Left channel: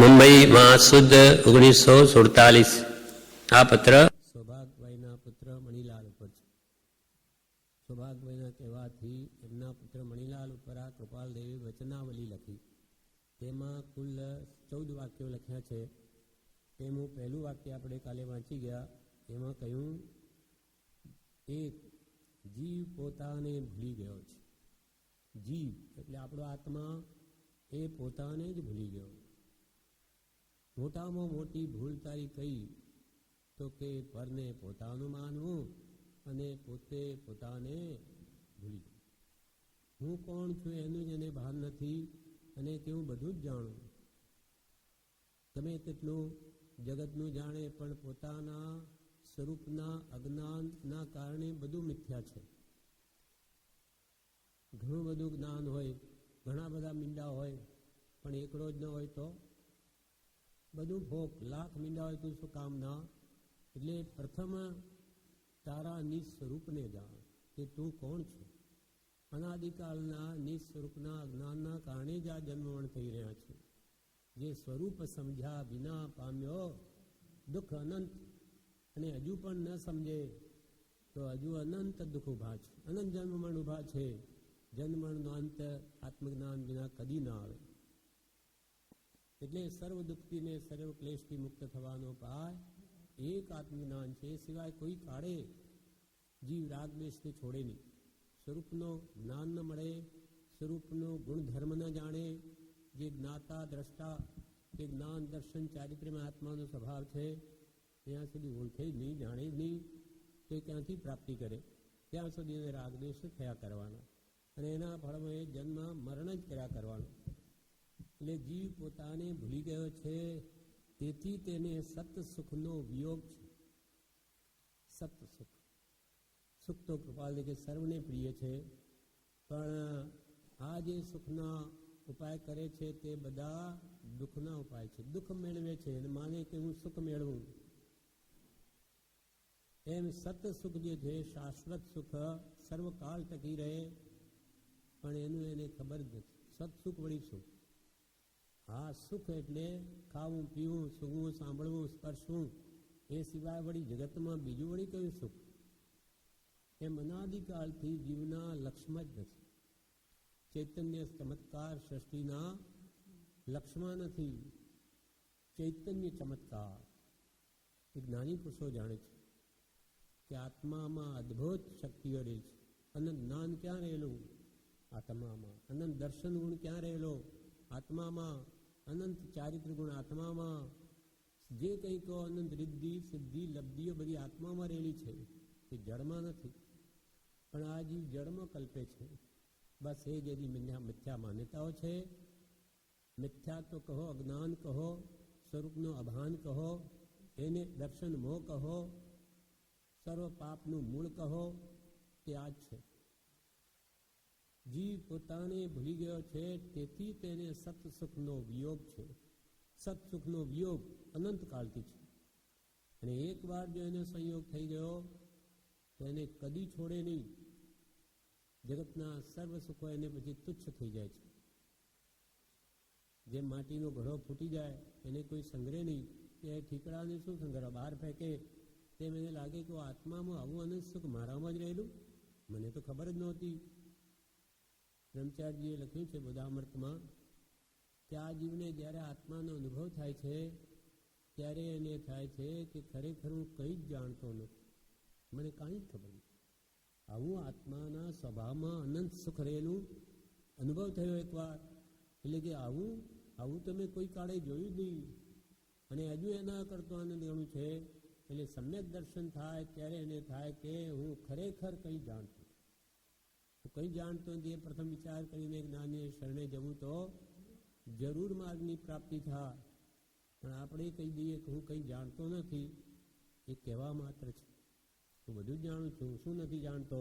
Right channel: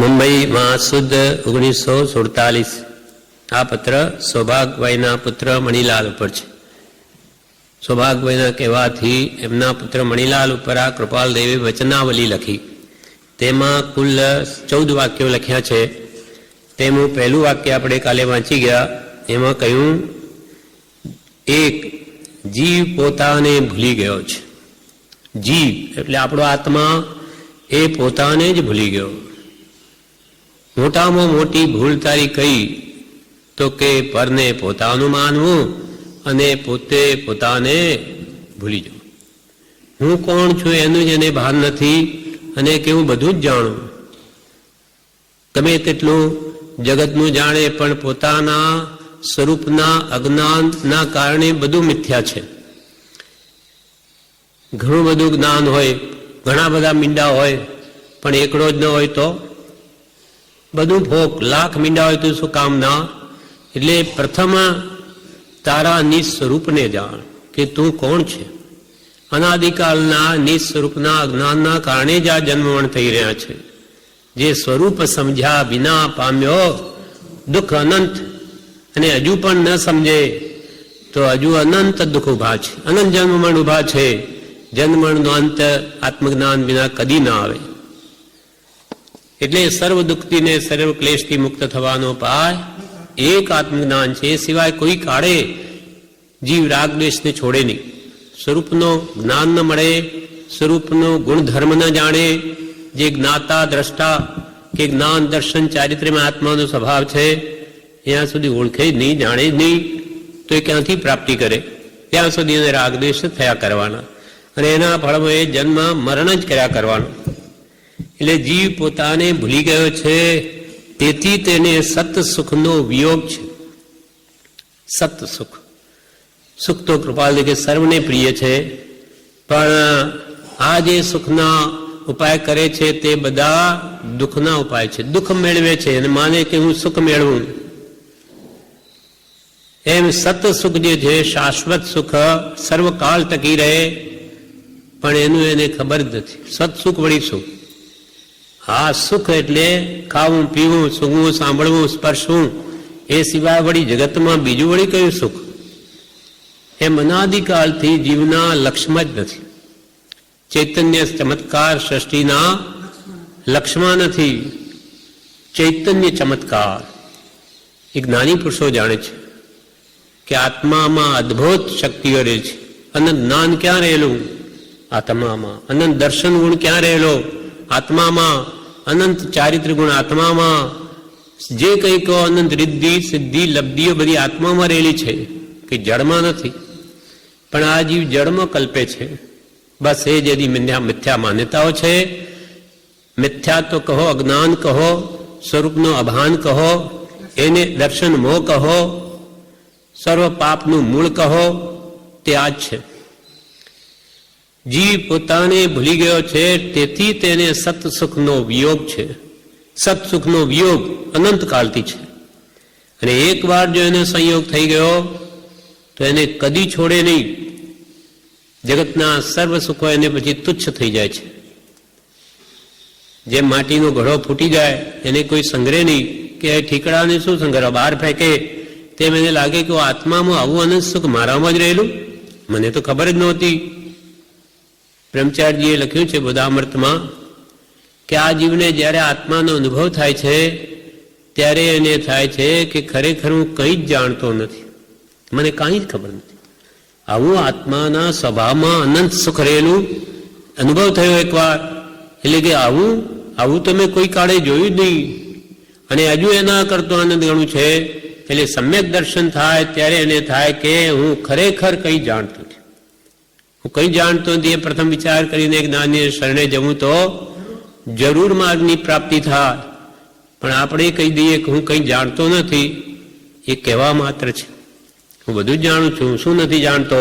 મુંબઈમાં સુદ 1947 આ પત્ર સૌભાગભાઈના પુત્ર મણિલાલ ઉપર છે. સૌભાગભાઈના કહેવાથી એમના પુત્ર મણિલાલ ઉપર આ કૃપાલ દેવે વચનાવલી લખી. તેમાં કુલ 14 વાક્યો લખ્યા છે. તેનું પહેલું વાક્ય આપણે કાલે વાંચી ગયા. એમાં કહ્યું, એક જીવ પોતાને ભૂલી ગયો છે. જીવ એટલે આપણો આત્મા એ પોતાને જ ભૂલી ગયો. મોટામાં મોટી ભૂલ તારી કઈ તો કે પરને પોતાનું માનવું અને પોતે પોતાને ભૂલી જવું. હું કોણ છું એનું જ એને ભાન નથી અને કે હું બધું જ જાણું. ગમે તેટલું જગતનું જાણે પણ પોતાના સ્વરૂપના અજ્ઞાનના કારણે બધું મિથ્યા છે. ઘણું બધું જ્ઞાન હોય, ઘણા બધા મીંડા હોય, પણ એકડો જ ન હોય તો બધું ફોક. લાખ મીંડા હોય તો શું કામ ના? એટલે પ્રથમ તારા નિસ્વરૂપને જાણ કે તું કોણ છે. અનાદિકાળના નિસ્વરૂપના અજ્ઞાનના કારણે જ આ જન્મવણ થઈ રહ્યા છે. જે સ્વરૂપ સમજ્યા વિના પામ્યો દુઃખ અનંત, અને હજુ પણ ન સમજે તો હજુ અનંત દુઃખ ઉભા છે, અનંત જન્મમણ ઉભા છે. જન્મણનો અંત આત્મજ્ઞાન વિના કદી ના આવે. એટલે સર્વ દુઃખથી ને સર્વ ક્લેશથી મુક્ત થવાનો પાય એક આત્મજ્ઞાન છે. એ સિવાય કોઈ કાળે જીવ રાગ દ્વેષને છોડે નહીં. સ્વરૂપનો જ્ઞાન ન મળે, સ્વરૂપનો ગુણધર્મ ન જાણે, જે જ્ઞાતા દ્રષ્ટા કે જ્ઞાન દર્શન ચારિત્ર્યમાં આત્માનો સ્વભાવ છે ત્યાં સુધી ઓળખે જ નહીં, જાણે જ નહીં, તો એ ક્યાંથી પ્રાપ્તિ કરે? ત્યાં સુધી એને રાગ દ્વેષ થયા કરવાના અને એના ફળમાં એ જન્મ મરણ જ કર્યા કરવાનું. એટલે જીવ પોતાને ભૂલી ગયો છે, તેથી તેને સત સુખનો વિયોગ છે. સત સુખ, સુખ તો કૃપાલ કે સર્વને પ્રિય છે, પણ આ જે સુખના ઉપાય કરે છે તે બધા દુઃખના ઉપાય છે. દુઃખ મેળવે છે અને માને કે હું સુખ મેળવું. એમ સત સુખ જે છે, શાશ્વત સુખ, સર્વકાળ ટકી રહે, પણ એનું એને ખબર જ નથી. સત સુખ વળી શું? હા, સુખ એટલે ખાવું, પીવું, સૂંઘવું, સાંભળવું, સ્પર્શવું, એ સિવાય વળી જગતમાં બીજું વળી કયું સુખ? એમ અનાદિકાળથી જીવના લક્ષ્યમાં જ નથી. ચૈતન્ય ચમત્કાર સૃષ્ટિના લક્ષ્યમાં નથી. ચૈતન્ય ચમત્કાર એ જ્ઞાની પુરુષો જાણે છે કે આત્મામાં અદ્ભુત શક્તિઓ રહે છે. અનંત જ્ઞાન ક્યાં રહેલું? આત્મામાં. અનંત દર્શન ગુણ ક્યાં રહેલો? આત્મામાં. અનંત ચારિત્ર ગુણ આત્મામાં. જે કંઈ કહો અનંત રિદ્ધિ સિદ્ધિ લબ્ધિઓ બધી આત્મામાં રહેલી છે, કે જળમાં નથી. પણ આ જીવ જળમાં કલ્પે છે. બસ એ જેથી મિથ્યા માન્યતાઓ છે. મિથ્યા તો કહો, અજ્ઞાન કહો, સ્વરૂપનો અભાન કહો, એને દર્શન મોહ કહો, સર્વ પાપનું મૂળ કહો, તે આ જ છે. જીવ પોતાને ભૂલી ગયો છે, તેથી તેને સતસુખનો વિયોગ છે. સતસુખનો વિયોગ અનંતકાળથી છે. અને એકવાર જો એને સંયોગ થઈ ગયો તો એને કદી છોડે નહીં. જગતના સર્વ સુખો એને પછી તુચ્છ થઈ જાય છે. જેમ માટીનો ઘડો ફૂટી જાય, એને કોઈ સંગ્રહે નહીં કે ઠીકડાને શું સંગ્રહ, બહાર ફેંકે. તેમ એને લાગે કે આત્મામાં આવું અનંત સુખ મારામાં જ રહેલું, મને તો ખબર જ નહોતી. બ્રહ્મચારીજીએ લખ્યું છે બોધામૃતમાં કે આ જીવને જ્યારે આત્માનો અનુભવ થાય છે ત્યારે એને થાય છે કે ખરેખર હું કંઈ જ જાણતો નથી, મને કાંઈ જ ખબર નથી. આવું આત્માના સ્વભાવમાં અનંત સુખ રહેલું અનુભવ થયો એકવાર. એટલે કે આવું તમે કોઈ કાળે જોયું જ નહીં, અને હજુ એના કરતો આનંદ ગણું છે. એટલે સમ્યક દર્શન થાય ત્યારે એને થાય કે હું ખરેખર કંઈ જાણતો નથી. હું કંઈ જાણતો નથી એ પ્રથમ વિચાર કરીને જ્ઞાની શરણે જવું તો જરૂર માર્ગની પ્રાપ્તિ થાય. પણ આપણે કહી દઈએ કે હું કંઈ જાણતો નથી, એ કહેવા માત્ર છે. હું બધું જ જાણું છું, શું નથી જાણતો?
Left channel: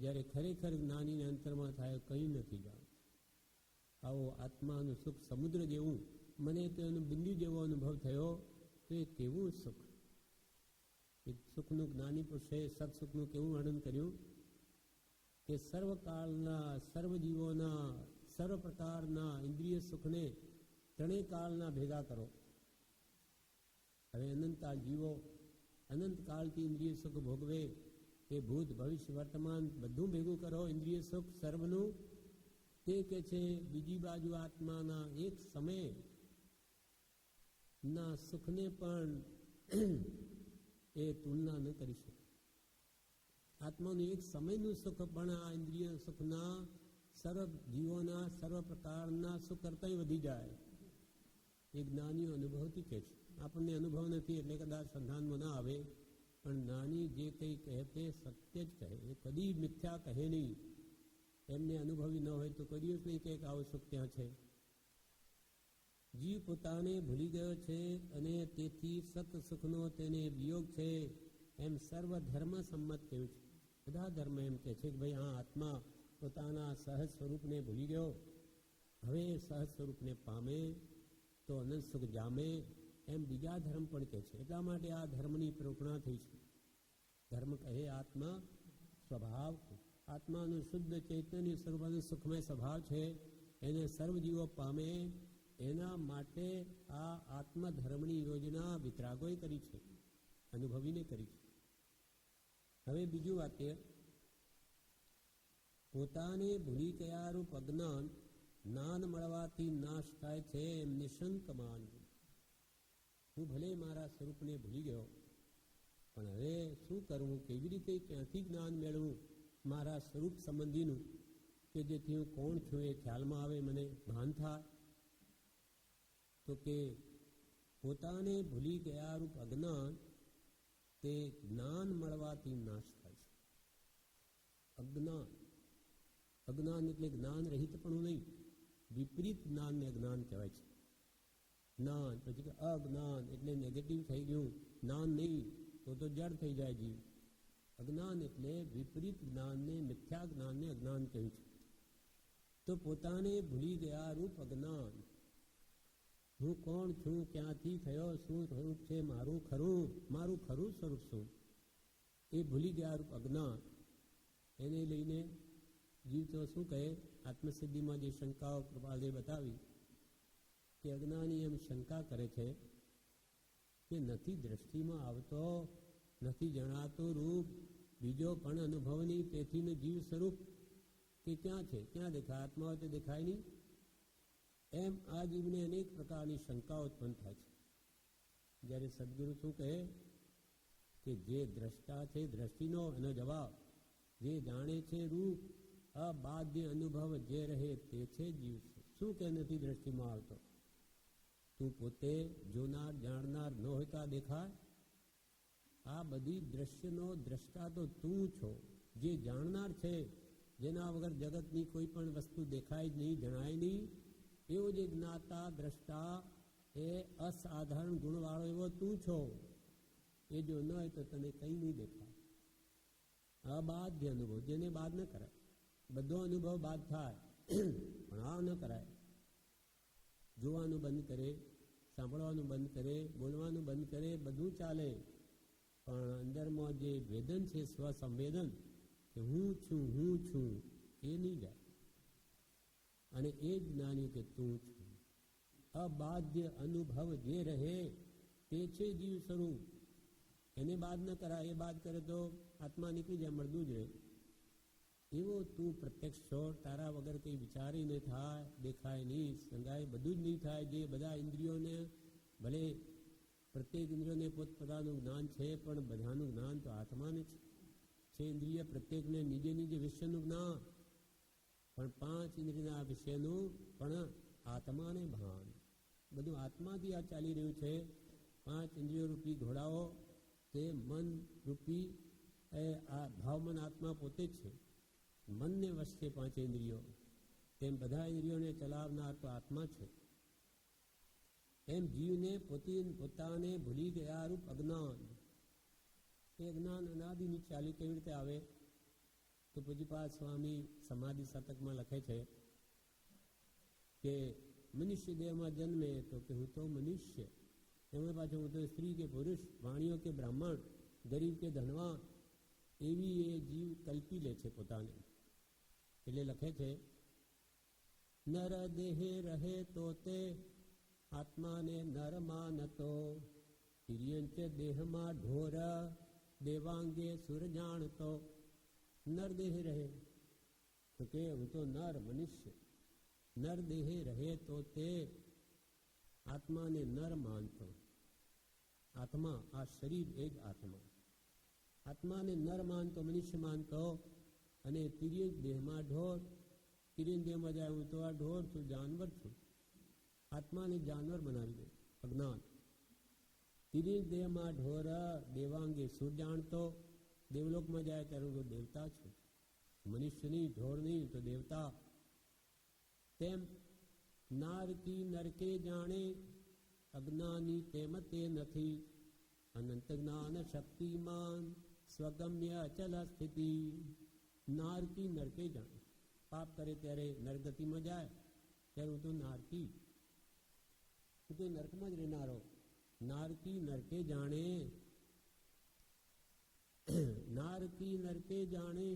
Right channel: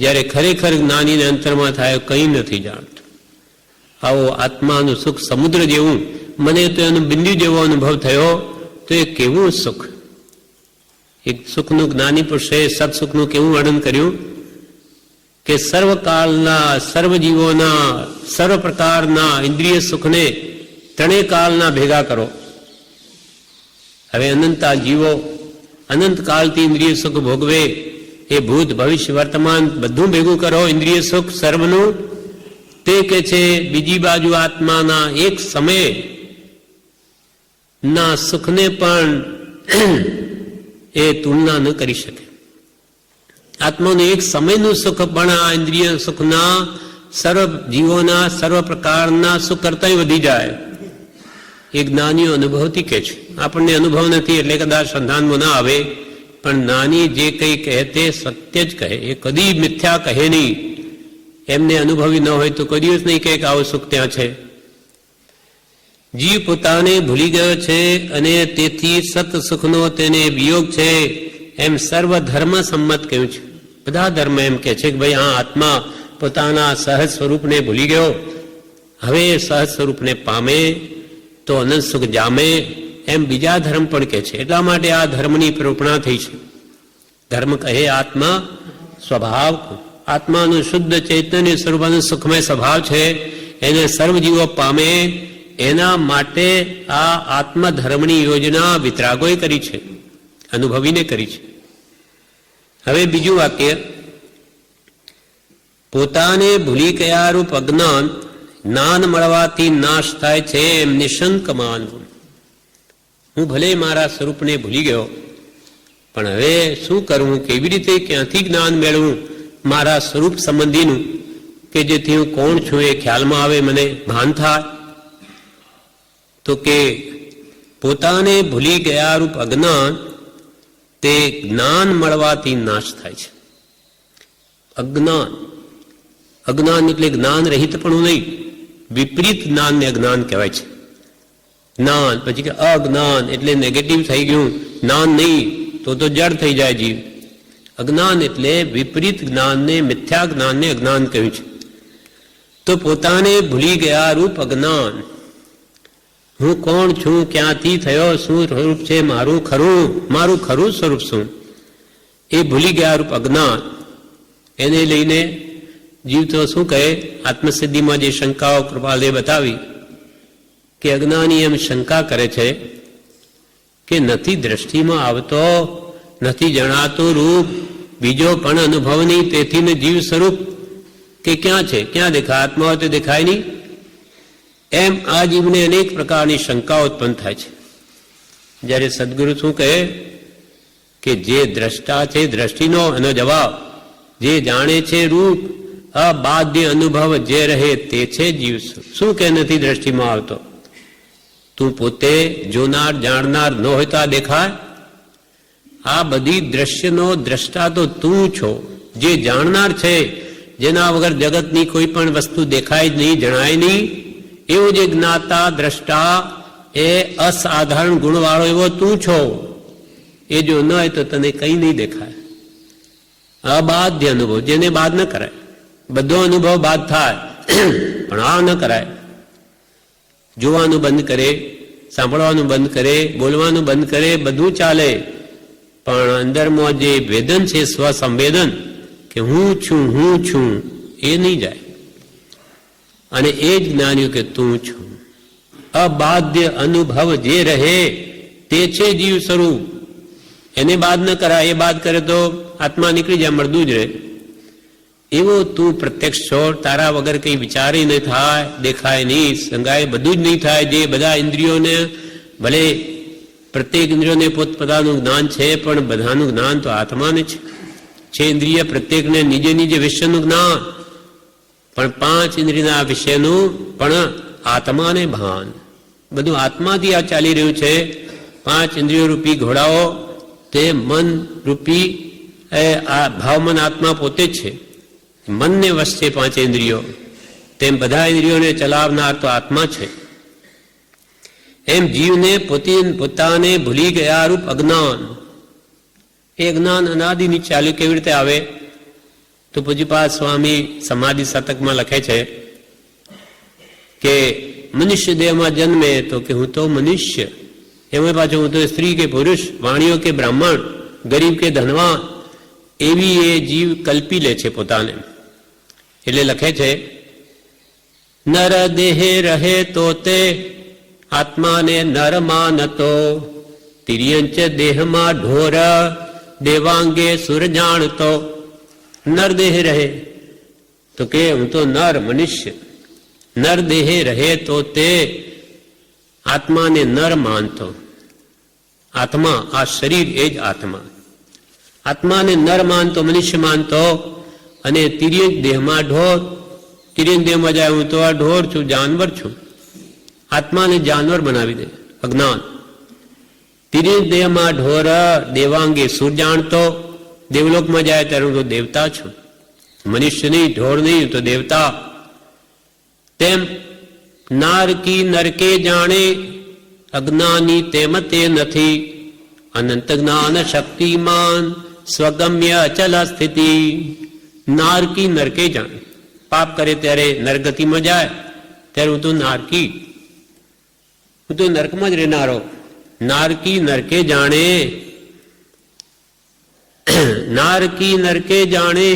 જ્યારે ખરેખર જ્ઞાનીને અંતરમાં થાય કંઈ નથી જાણતો. આવો આત્માનું સુખ સમુદ્ર જેવું, મને તો એનું બિંદુ જેવો અનુભવ થયો. તો એ કેવું સુખ! એક સુખનું જ્ઞાની પુરુષે સત્સુખનું કેવું વર્ણન કર્યું કે સર્વકાળના, સર્વજીવોના, સર્વ પ્રકારના ઇન્દ્રિય સુખને ત્રણેય કાળના ભેગા કરો. હવે અનંતા જીવો અનંત કાળથી ઇન્દ્રિય સુખ ભોગવે, એ ભૂત ભવિષ્ય વર્તમાન બધું ભેગું કરો ઇન્દ્રિય સુખ સર્વનું. તે કે છે બીજી બાજુ આત્માના એક સમય ના સુખને પણ એ તુલના ન કરી શકે. આત્માનું એક સમયનું સુખ પણ આ ઇન્દ્રિય સુખના સર્વ જીવોના સર્વ પ્રકારના સુખ કરતા વધી જાય. એ જ્ઞાનીઓ અનુભવથી કહે છે. આપણને અનુભવ નથી એટલે કદાચ સંધાનમાં ના આવે, પણ જ્ઞાની જે કંઈ કહે તે સત્ય જ કહે, એ કદી મિથ્યા કહે નહીં. એમને અનુભવી ન હોય તો કોઈ દિવસ નહીં કહે કે આવું સુખ ત્યાં છે. જીવ પોતાને ભૂલી ગયો છે અને તેથી સત સુખનો તેને વિયોગ છે, એમ સર્વ ધર્મ સંમત કહ્યું છે. બધા ધર્મ એમ કહે છે કે ભાઈ આ આત્મા પોતાના સહજ સ્વરૂપને ભૂલી ગયો, હવે સહજ સ્વરૂપને પામે તો અનંત સુખ જામે, એમ બીજા ધર્મ પણ કહે છે. એટલા માટે આ ધર્મની પ્રેરણા થઈ છે. ધર્મ કહે આત્મા સ્વભાવ, આત્માનું શુદ્ધ ચૈતન્ય સ્વરૂપનું સુખમય સ્વભાવ છે, એને સર્વજીવો પામે. એના માટે આ આત્મધર્મની યોજના વિતરાગોએ કરી છે, અનુભવીને કરી છે. હવે બીજું વાક્ય, પોતાને ભૂલી ગયા રૂપ અજ્ઞાન જ્ઞાન મળવાથી નાશ થાય છે, એમ નિશંક માનવું. હું ભલે મારા સ્વરૂપને ભૂલી ગયો, પણ હવે શું કરવું, કેવી રીતે, ક્યાંથી જ્ઞાન મેળવું મારા સ્વરૂપ સંબંધીનું, કે જેથી હું કોણ છું એ ખ્યાલમાં આવે, મને ભાન થાય. તો કે પોતાને ભૂલી ગયા રૂપ અજ્ઞાન તે જ્ઞાન મળવાથી નાશ થાય છે. અજ્ઞાન, અજ્ઞાન એટલે જ્ઞાન રહિત પણ નહીં, વિપરીત જ્ઞાનને અજ્ઞાન કહેવાય છે. જ્ઞાન પછી કે અજ્ઞાન એટલે નેગેટિવ થઈ ગયું, જ્ઞાન નહીં તો જડ થઈ જાય જીવ. અજ્ઞાન એટલે વિપરીત જ્ઞાનને, મિથ્યા જ્ઞાનને અજ્ઞાન કહ્યું છે. તો પોતાને ભૂલી ગયા રૂપ અજ્ઞાન, હું કોણ છું, ક્યાંથી થયો, શું સ્વરૂપ છે મારું ખરું સ્વરૂપ શું, એ ભૂલી ગયા રૂપ અજ્ઞાન. એને લઈને જીવ તો શું કહે, આત્મસિદ્ધિમાં જે શંકાઓ કૃપાલદેવ બતાવી કે અજ્ઞાની એમ શંકા કરે છે કે નથી દ્રષ્ટિમાં આવતો, નથી જણાતું રૂપ, બીજો પણ અનુભવ નહીં, તેથી જીવ સ્વરૂપ કે ક્યાં છે, ક્યાં દેખાય, આત્મા હોય તો દેખાય નહીં. એમ આ જીવને અનેક પ્રકારની શંકાઓ ઉત્પન્ન થાય છે. જ્યારે સદગુરુ શું કહે કે જે દ્રષ્ટા છે, દ્રષ્ટિનો એનો જવાબ, જે જાણે છે રૂપ, અબાધ્ય અનુભવ જે રહે તે છે જીવ. શું કે નથી દ્રષ્ટિમાં આવતો, તું પોતે જોનાર જાણનાર ન હોય તો આ દેખાય. આ બધી દ્રશ્યનો દ્રષ્ટા તો તું છો, જે જાણનાર છે, જેના વગર જગતની કોઈ પણ વસ્તુ દેખાય જ નહીં, જણાય નહીં. એવું જે જ્ઞાતા દ્રષ્ટા એ અસાધારણ ગુણવાળો એવો તું છો, એ જો ન હોય તો તને કંઈ નહીં દેખાય. અબાધ્ય અનુભવ, જેને બાદ ન કરાય. બધો અનુભવ બાદ થાય પણ આ ન કરાય. જોવાનું બંધ કરે, સાંભળવાનું બંધ કરે, બોલવાનું બંધ કરે, બધું ચાલે, પણ અંદરમાં જે વેદન છે, સ્વસંવેદન કે હું છું એ નહીં જાય. અને એ જ જ્ઞાન્યું કે તું છું. અબાધ્ય અનુભવ જે રહે તે છે જીવ સ્વરૂપ, એને બાદ ન કરાય. એ બાદ કરે તો આત્મા નીકળી જાય, મળતું જ રહે. એવો તું પ્રત્યક્ષ છો, તારા વગર કંઈ વિચારે નહીં થાય, દેખાય નહીં, સંગાય બધું જ નહીં થાય. જે બધા ઇન્દ્રિયોને, ભલે પ્રત્યેક ઇન્દ્રિયોને પોતપોતાનું જ્ઞાન છે, પણ બધાનું જ્ઞાન તો આત્માને છે. ઇન્દ્રિય પ્રત્યેકને નીજે નીજે વિષયનું જ્ઞાન, પણ પાંચ ઇન્દ્રિયના વિષયનું પણ આત્માને ભાન. બધું આત્માથી આ ચાલી રહ્યું છે. પાંચ ઇન્દ્રિયો રૂપી ઘોડાઓ તે મન રૂપી આ ભાવમન આત્મા પોતે જ છે. મનને વશ છે પાંચ ઇન્દ્રિયો, તેમ બધા ઇન્દ્રિયોને ચલાવનાર તો આત્મા છે. એમ જીવને પોતાને ભૂલી ગયા રૂપ અજ્ઞાન, એ જ્ઞાન અનાદિની ચાલ્યું કેવી રીતે આવે? તો પૂજ્યપાદ સ્વામી સમાધિ શતકમાં લખે છે કે મનુષ્ય દેહમાં જન્મે તો કે હું તો મનુષ્ય, એમાં પાછું હું તો સ્ત્રી કે પુરુષ, વાણીઓ કે બ્રાહ્મણ, ગરીબ કે ધનવાન, એવી એ જીવ કલ્પી લે છે પોતાને. એટલે લખે છે, નર દેહે રહે તો તે આત્માને નર માનતો, તિર્યંચ દેહમાં ઢોર, દેવાંગે સુર જાણતો. નર દેહ રહે તો કે હું તો નર મનુષ્ય, નર દેહે રહે તો તે આત્માને નર માનતો. આત્મા, આ શરીર એ જ આત્મા. આત્માને નર માનતો, મનુષ્ય માનતો, અને તિર્યક દેહમાં ઢોર. તિર્યક દેહમાં જાય હું તો આ ઢોર છું, જાનવર છું. આત્માને જાનવર બનાવી દે અજ્ઞાન. તિર્યક દેહમાં ઢોર, દેવાંગે સુર જાણતો. દેવલોકમાં જાય ત્યારે હું તો દેવતા છું, મનુષ્ય નહીં, ઢોર નહીં, તો દેવતા. તેમ નારકી નરકે જાણે, અજ્ઞાની તેમ તે નથી. અનંત જ્ઞાન શક્તિમાન, સ્વગમ્ય અચલ સ્થિતિ. નારકી નરકે જાણે, પાપ કરે ત્યારે નરગતિમાં જાય ત્યારે હું તો નારકી, હું તો નરકમાં જ રહેનારો. નારકી નરકે જાણે, નારકી નરકે જાણે.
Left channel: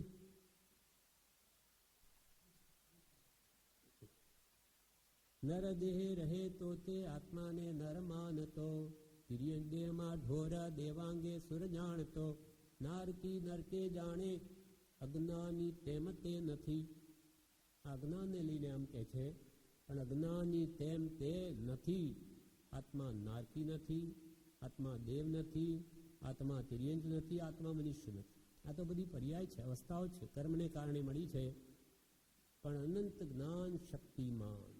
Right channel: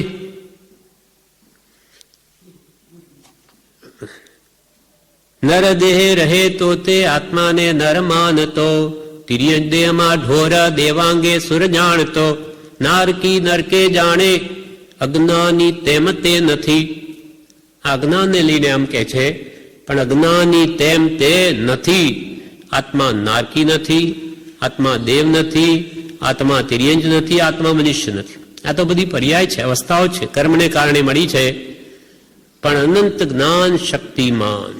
નર દેહે રહે તો તે આત્માને નર માનતો, તિર્યક દેહમાં ઢોર, દેવાંગે સુર જાણતો. નારકી નરકે જાણે, અજ્ઞાની તેમ તે નથી. અજ્ઞાનને લઈને આમ કે છે, પણ અજ્ઞાની તેમ તે નથી. આત્મા નારકી નથી, આત્મા દેવ નથી, આત્મા તિર્યંજ નથી, આત્મા મનુષ્ય નથી. આ તો બધી પર્યાય છે, અવસ્થાઓ છે, કર્મને કારણે મળી છે. પણ અનંત જ્ઞાન શક્તિમાન,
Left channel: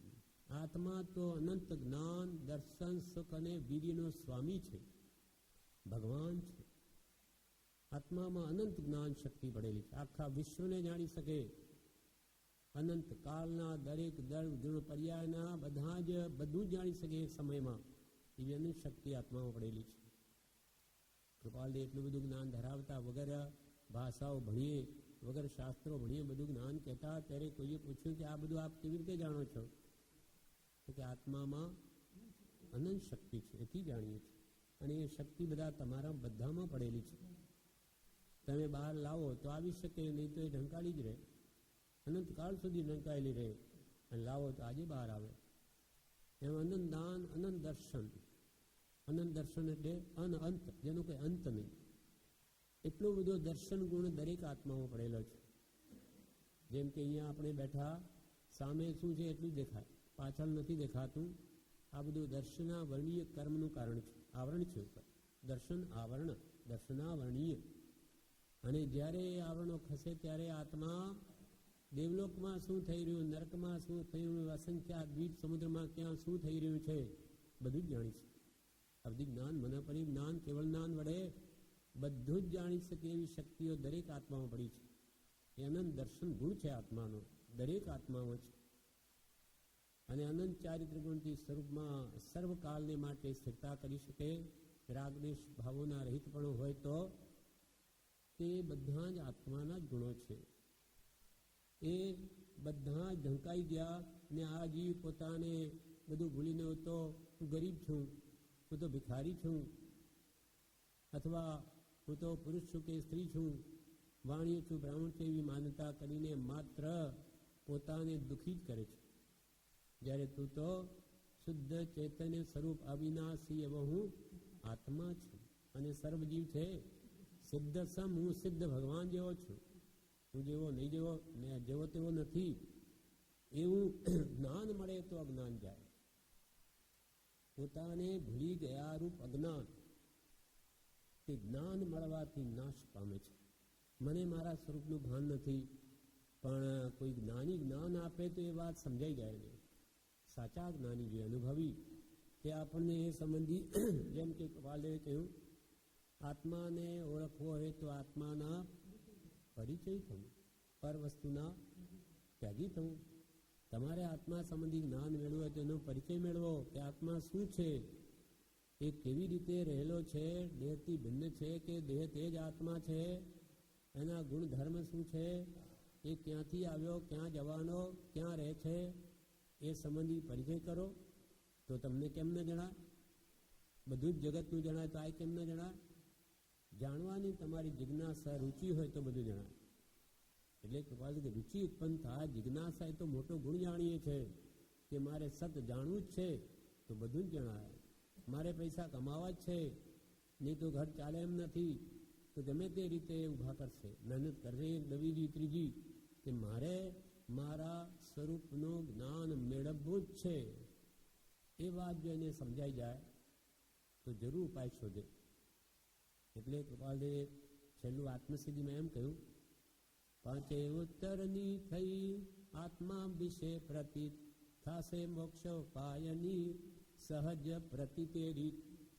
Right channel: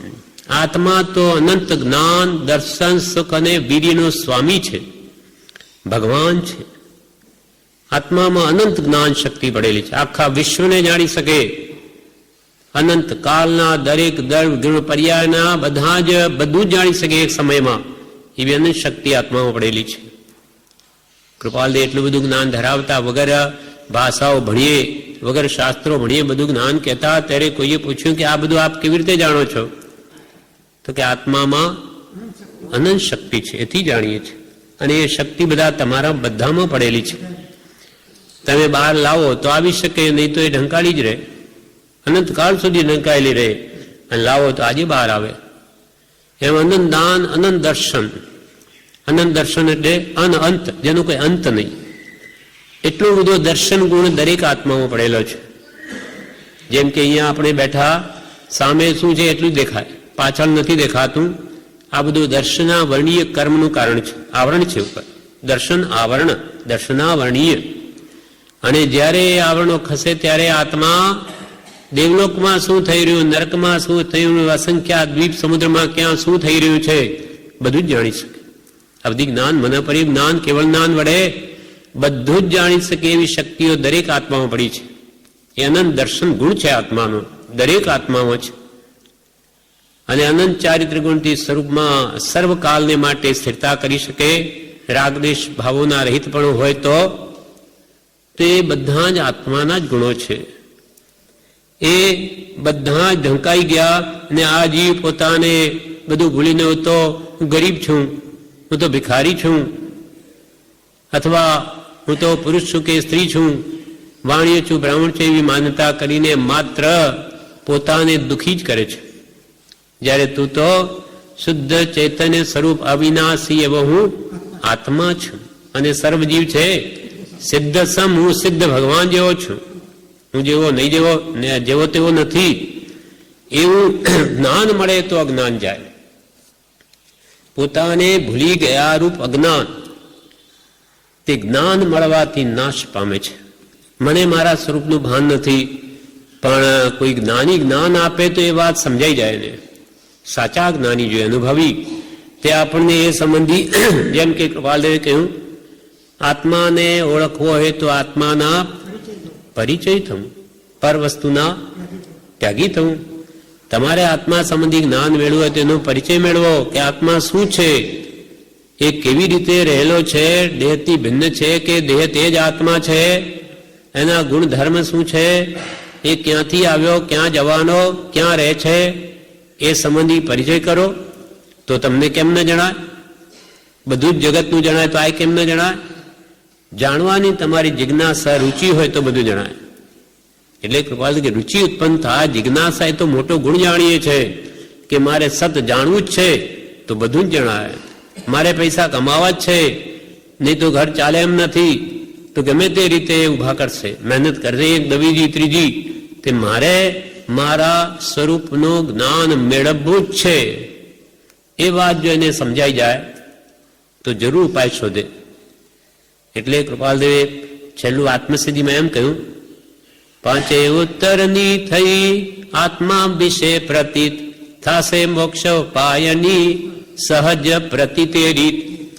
આત્મા તો અનંત જ્ઞાન, દર્શન, સુખ અને વીર્યનો સ્વામી છે, ભગવાન છે. આત્મામાં અનંત જ્ઞાન શક્તિ પડેલી છે, આખા વિશ્વને જાણી શકે. અનંત કાળના દરેક ગુણ પર્યાયના બધા જ બધું જ જાણી શકે એક સમયમાં, એવી અનંત શક્તિ આત્મામાં પડેલી છે. કૃપાલદે એટલું બધું જ્ઞાન ધરાવતા, વગર ભાષાઓ ભણીએ, વગર શાસ્ત્રો ભણીએ બધું જ્ઞાન કહેતા. ત્યારે કોઈએ પૂછ્યું કે આ બધું આપ કેવી રીતે જાણો છો? તો કે આત્મામાં અનંત શક્તિ છે, એથી જાણીએ છીએ. અને એ શક્તિ બધા તમારા બધામાં પડેલી છે. તમે બહાર લાવો તો આવી શકે, નહીં તો એ ઢંકાળી જ રહે, અનંતકાળ સુધી ઢંકાયેલી રહે. અને લાવો તો આજે બહાર આવે. એમ અનંત દાન, અનંત દર્શન. અનંત દર્શન એટલે અનંત, જેનો કોઈ અંત નહીં. એટલો બધો દર્શન ગુણ દરેક આત્મામાં પડેલો છે. જેમ કે અહીંયા આપણે બેઠા, સામે શું છે એટલું જ દેખાય, પાછળ નથી દેખાતું. આ બધું દર્શના વર્ણીય કર્મનું કારણ છે, આવરણ છે ઉપર. દર્શન આવરણ, દર્શનાવર્ણીય. અને જ્યારે એ આવરણો ખસે ત્યારે આત્મા દેવલોકમાં શું થઈ રહ્યું, નરકમાં શું થયું, અસંખ્ય દ્વીપ સમુદ્રમાં ક્યાં શું થઈ રહ્યું છે, બધું જ જાણી શકે. અવધિ જ્ઞાન, મનપરી જ્ઞાન, કેવળ જ્ઞાન વડે બધું જ જાણી શકે એવી શક્તિઓ દરેક આત્મામાં પડી છે. એ અનંત દર્શન ગુણ છે આત્માનો, દરેક આત્મામાં છે. અને અનંત ચારિત્ર ગુણથી સ્વરૂપમાં સર્વકાલને માટે સ્થિરતા કરી શકે. રાગદેશ ભાવોના રહિત પણ હોય તો તે બધા જ આત્માના જ ગુણો છે. એ બધા જ ઢંકાઈ ગયા. અને આ જીવ પોતાને બધું ભૂલીને હું તો ગરીબ છું, હું તો ભિખારી છું, અથવા હું તો પુરુષ છું કે સ્ત્રી છું, વાણિય છું, બ્રાહ્મણ છું, એવી માન્યતા કરીને માત્ર પોતાને દુઃખી જ કરે છે. જ્યારે તું તો શુદ્ધ ચૈતન્ય સ્વરૂપ અવિનાશી એવો હું આત્મા છું. અને સર્વજીવ છે સિદ્ધ સમ, હું સિદ્ધ ભગવાન જેવો છું. હું જેવો નહીં, જેવો તેવો નથી. એવું જ્ઞાન મળે તો અજ્ઞાન જાય. પોતાને ભૂલી ગયા રૂપ અજ્ઞાન, તે જ્ઞાન મળવાથી નાશ પામે છે. મને મારા સ્વરૂપનું ભાન નથી, પણ કોઈ જ્ઞાની જ્ઞાન આપે તો એ વાત સમજાઈ જાય ને. સાચા જ્ઞાની જોઈએ, અનુભવી, તે આપણને એ સંબંધી, જેમ કે કૃપાલદેવે કહ્યું, આત્માને ઓળખવો હોય તો આત્માના પરિચય થવું, પર વસ્તુના ત્યાગી થવું. તમારે આત્મા સંબંધી જ્ઞાન મેળવવું હોય તો એનો પરિચય મેળવો કે આત્મા શું છે, એ કેવી રીતે રહેલો છે, દેહથી ભિન્ન છે કે દેહ તે જ આત્મા છે, એના ગુણધર્મ શું છે, એ ક્યાંથી આવ્યો, ક્યાં જવાનો, ક્યાં રહે છે, એ સંબંધી પરિચય કરો. તો તમને કેમ ન જણાય? બધું જ જગતનું જણાય તો આ કેમ ન જણાય? જાણવાની તમારી જિજ્ઞાસા, રુચિ હોય તો બધું જણાય. એટલે કૃપાલ કે રુચિ ઉત્પન્ન થાય, જિજ્ઞાસા એ તો મોટો ગુણ જાણીએ છે કે મારે સત જાણવું જ છે. તો બધું જ જણાવે. મારે પૈસા કમાવા જ છે, નહીં તો ઘર ચાલે એમ નથી, તો ગમે તે રીતે ઊભા કરશે, મહેનત કરશે, એક દવીજી ત્રીજી, તે મારે મારા સ્વરૂપનું જ્ઞાન મેળવવું જ છે. એ વાત જો એને સમજાઈ જાય તો જરૂર ઉપાય શોધે. એટલે કૃપાલદેવે છેલ્લું આત્મસિદ્ધિમાં એમ કહ્યું, પાંચે ઉત્તરની થઈ આત્મા વિશે પ્રતીત, થાશે મોક્ષ પાયની સહજ પ્રતીતે રીત.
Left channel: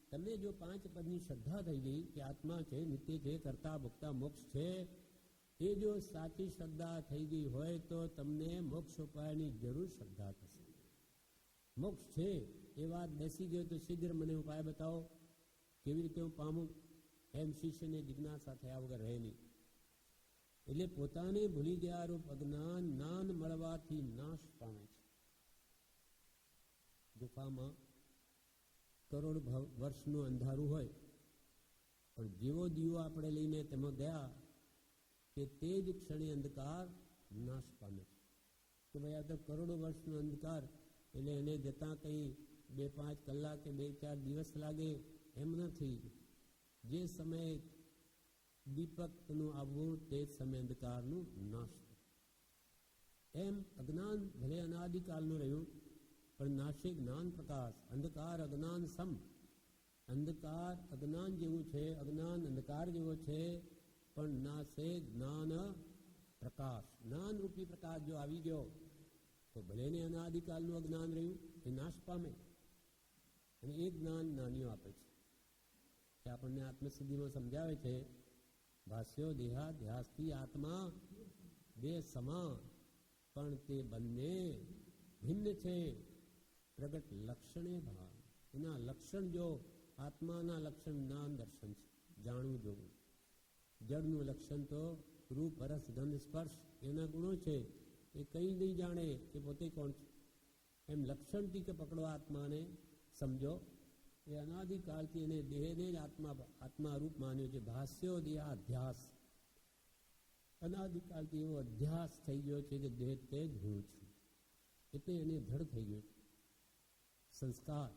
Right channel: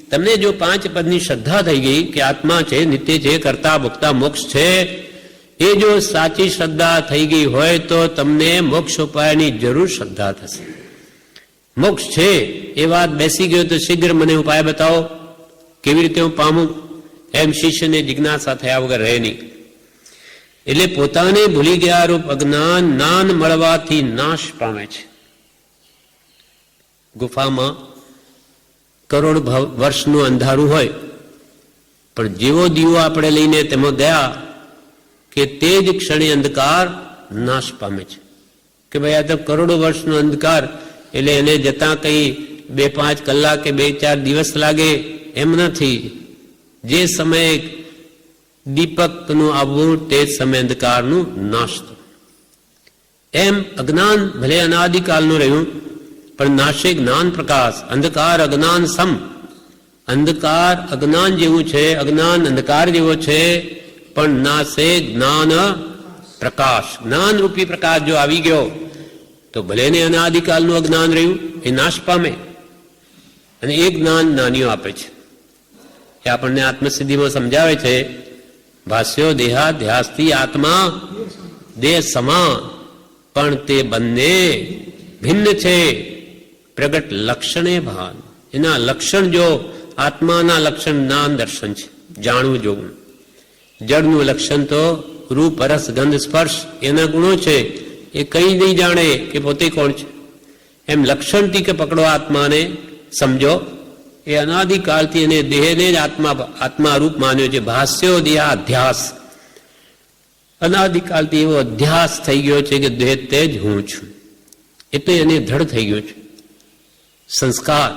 તમને જો 5 પદની શ્રદ્ધા થઈ ગઈ કે આત્મા છે, નિત્ય છે, કરતા ભોગતા મોક્ષ છે, એ જો સાચી શ્રદ્ધા થઈ ગઈ હોય તો તમને મોક્ષ ઉપાયની જરૂર શ્રદ્ધા થશે. મોક્ષ છે એ વાત બેસી ગયો તો શીઘ્ર મને ઉપાય બતાવો, કેવી રીતે હું પામું, એમ શિષ્યને જિજ્ઞાસા થયા વગર રહે નહીં. એટલે પોતાને ભૂલી ગયા રૂપ અજ્ઞાન જ્ઞાન મળવાથી નાશ પામે છે. ગુફામાં કરોડ વર્ષનું અંધારું હોય, પણ જેવો દીવો આપણે લઈને તેમાં ગયા કે તે જ ક્ષણે અંધકાર નાશ પામે છે. કે ભાઈ આ તો કરોડો વર્ષનો અંધકાર, એટલે એને જતા કઈ 2-5 કલાક કે 2-4 દિવસ લાગે એમ નથી. જે સમયે દીપકનું આવવું તે જ સમય અંધકારનું નાશ થયું. એમ અજ્ઞાન ભલે અનાદિકાલનું રહ્યું, પણ નાશે જ્ઞાન પ્રકાશ. અંધકાર અજ્ઞાન સમ. અંધકાર અજ્ઞાન જેવું છે, અજ્ઞાન અંધકાર જેવો છે, પણ નાશે જ્ઞાન પ્રકાશ. જ્ઞાન રૂપી પ્રકાશ જો આવી ગયો તો ભલે ને અનાદિકાલનું અજ્ઞાન રહ્યું એ નાશ પામે, અને એ જ્ઞાન જ્ઞાનીઓ આપે છે. એ આપણને આત્મસિદ્ધિમાં સમજાવે છે. ભાષ્યો દેહાધ્યાસથી આત્મા દેહ સમા, પણ તે બંને ભિન્ન છે. પ્રગટ લક્ષણે ભાન. એના લક્ષણ જો આત્માના લક્ષણ જ્ઞાન દર્શન છે, જાણવું જોવું. જળનું લક્ષણ તો રૂપ રસ ગંધ સ્પર્શ એના ગુણો છે, એ કઈ નહીં જાણે કે પોતે કોણ છે. એમ લક્ષણથી કે પકડો આત્માને, સમજો. એ અનાદિકાળથી એને દેહને જ આત્મા રૂપ માન્યો છે. ભાષ્યો દેહાધ્યાસ. અનાદિકાળથી એવો અધ્યાસ થઈ ગયો છે કે દેહ તે જ હું છું, એટલે એને ધડ થઈ ગયો છે. સંસ્કાર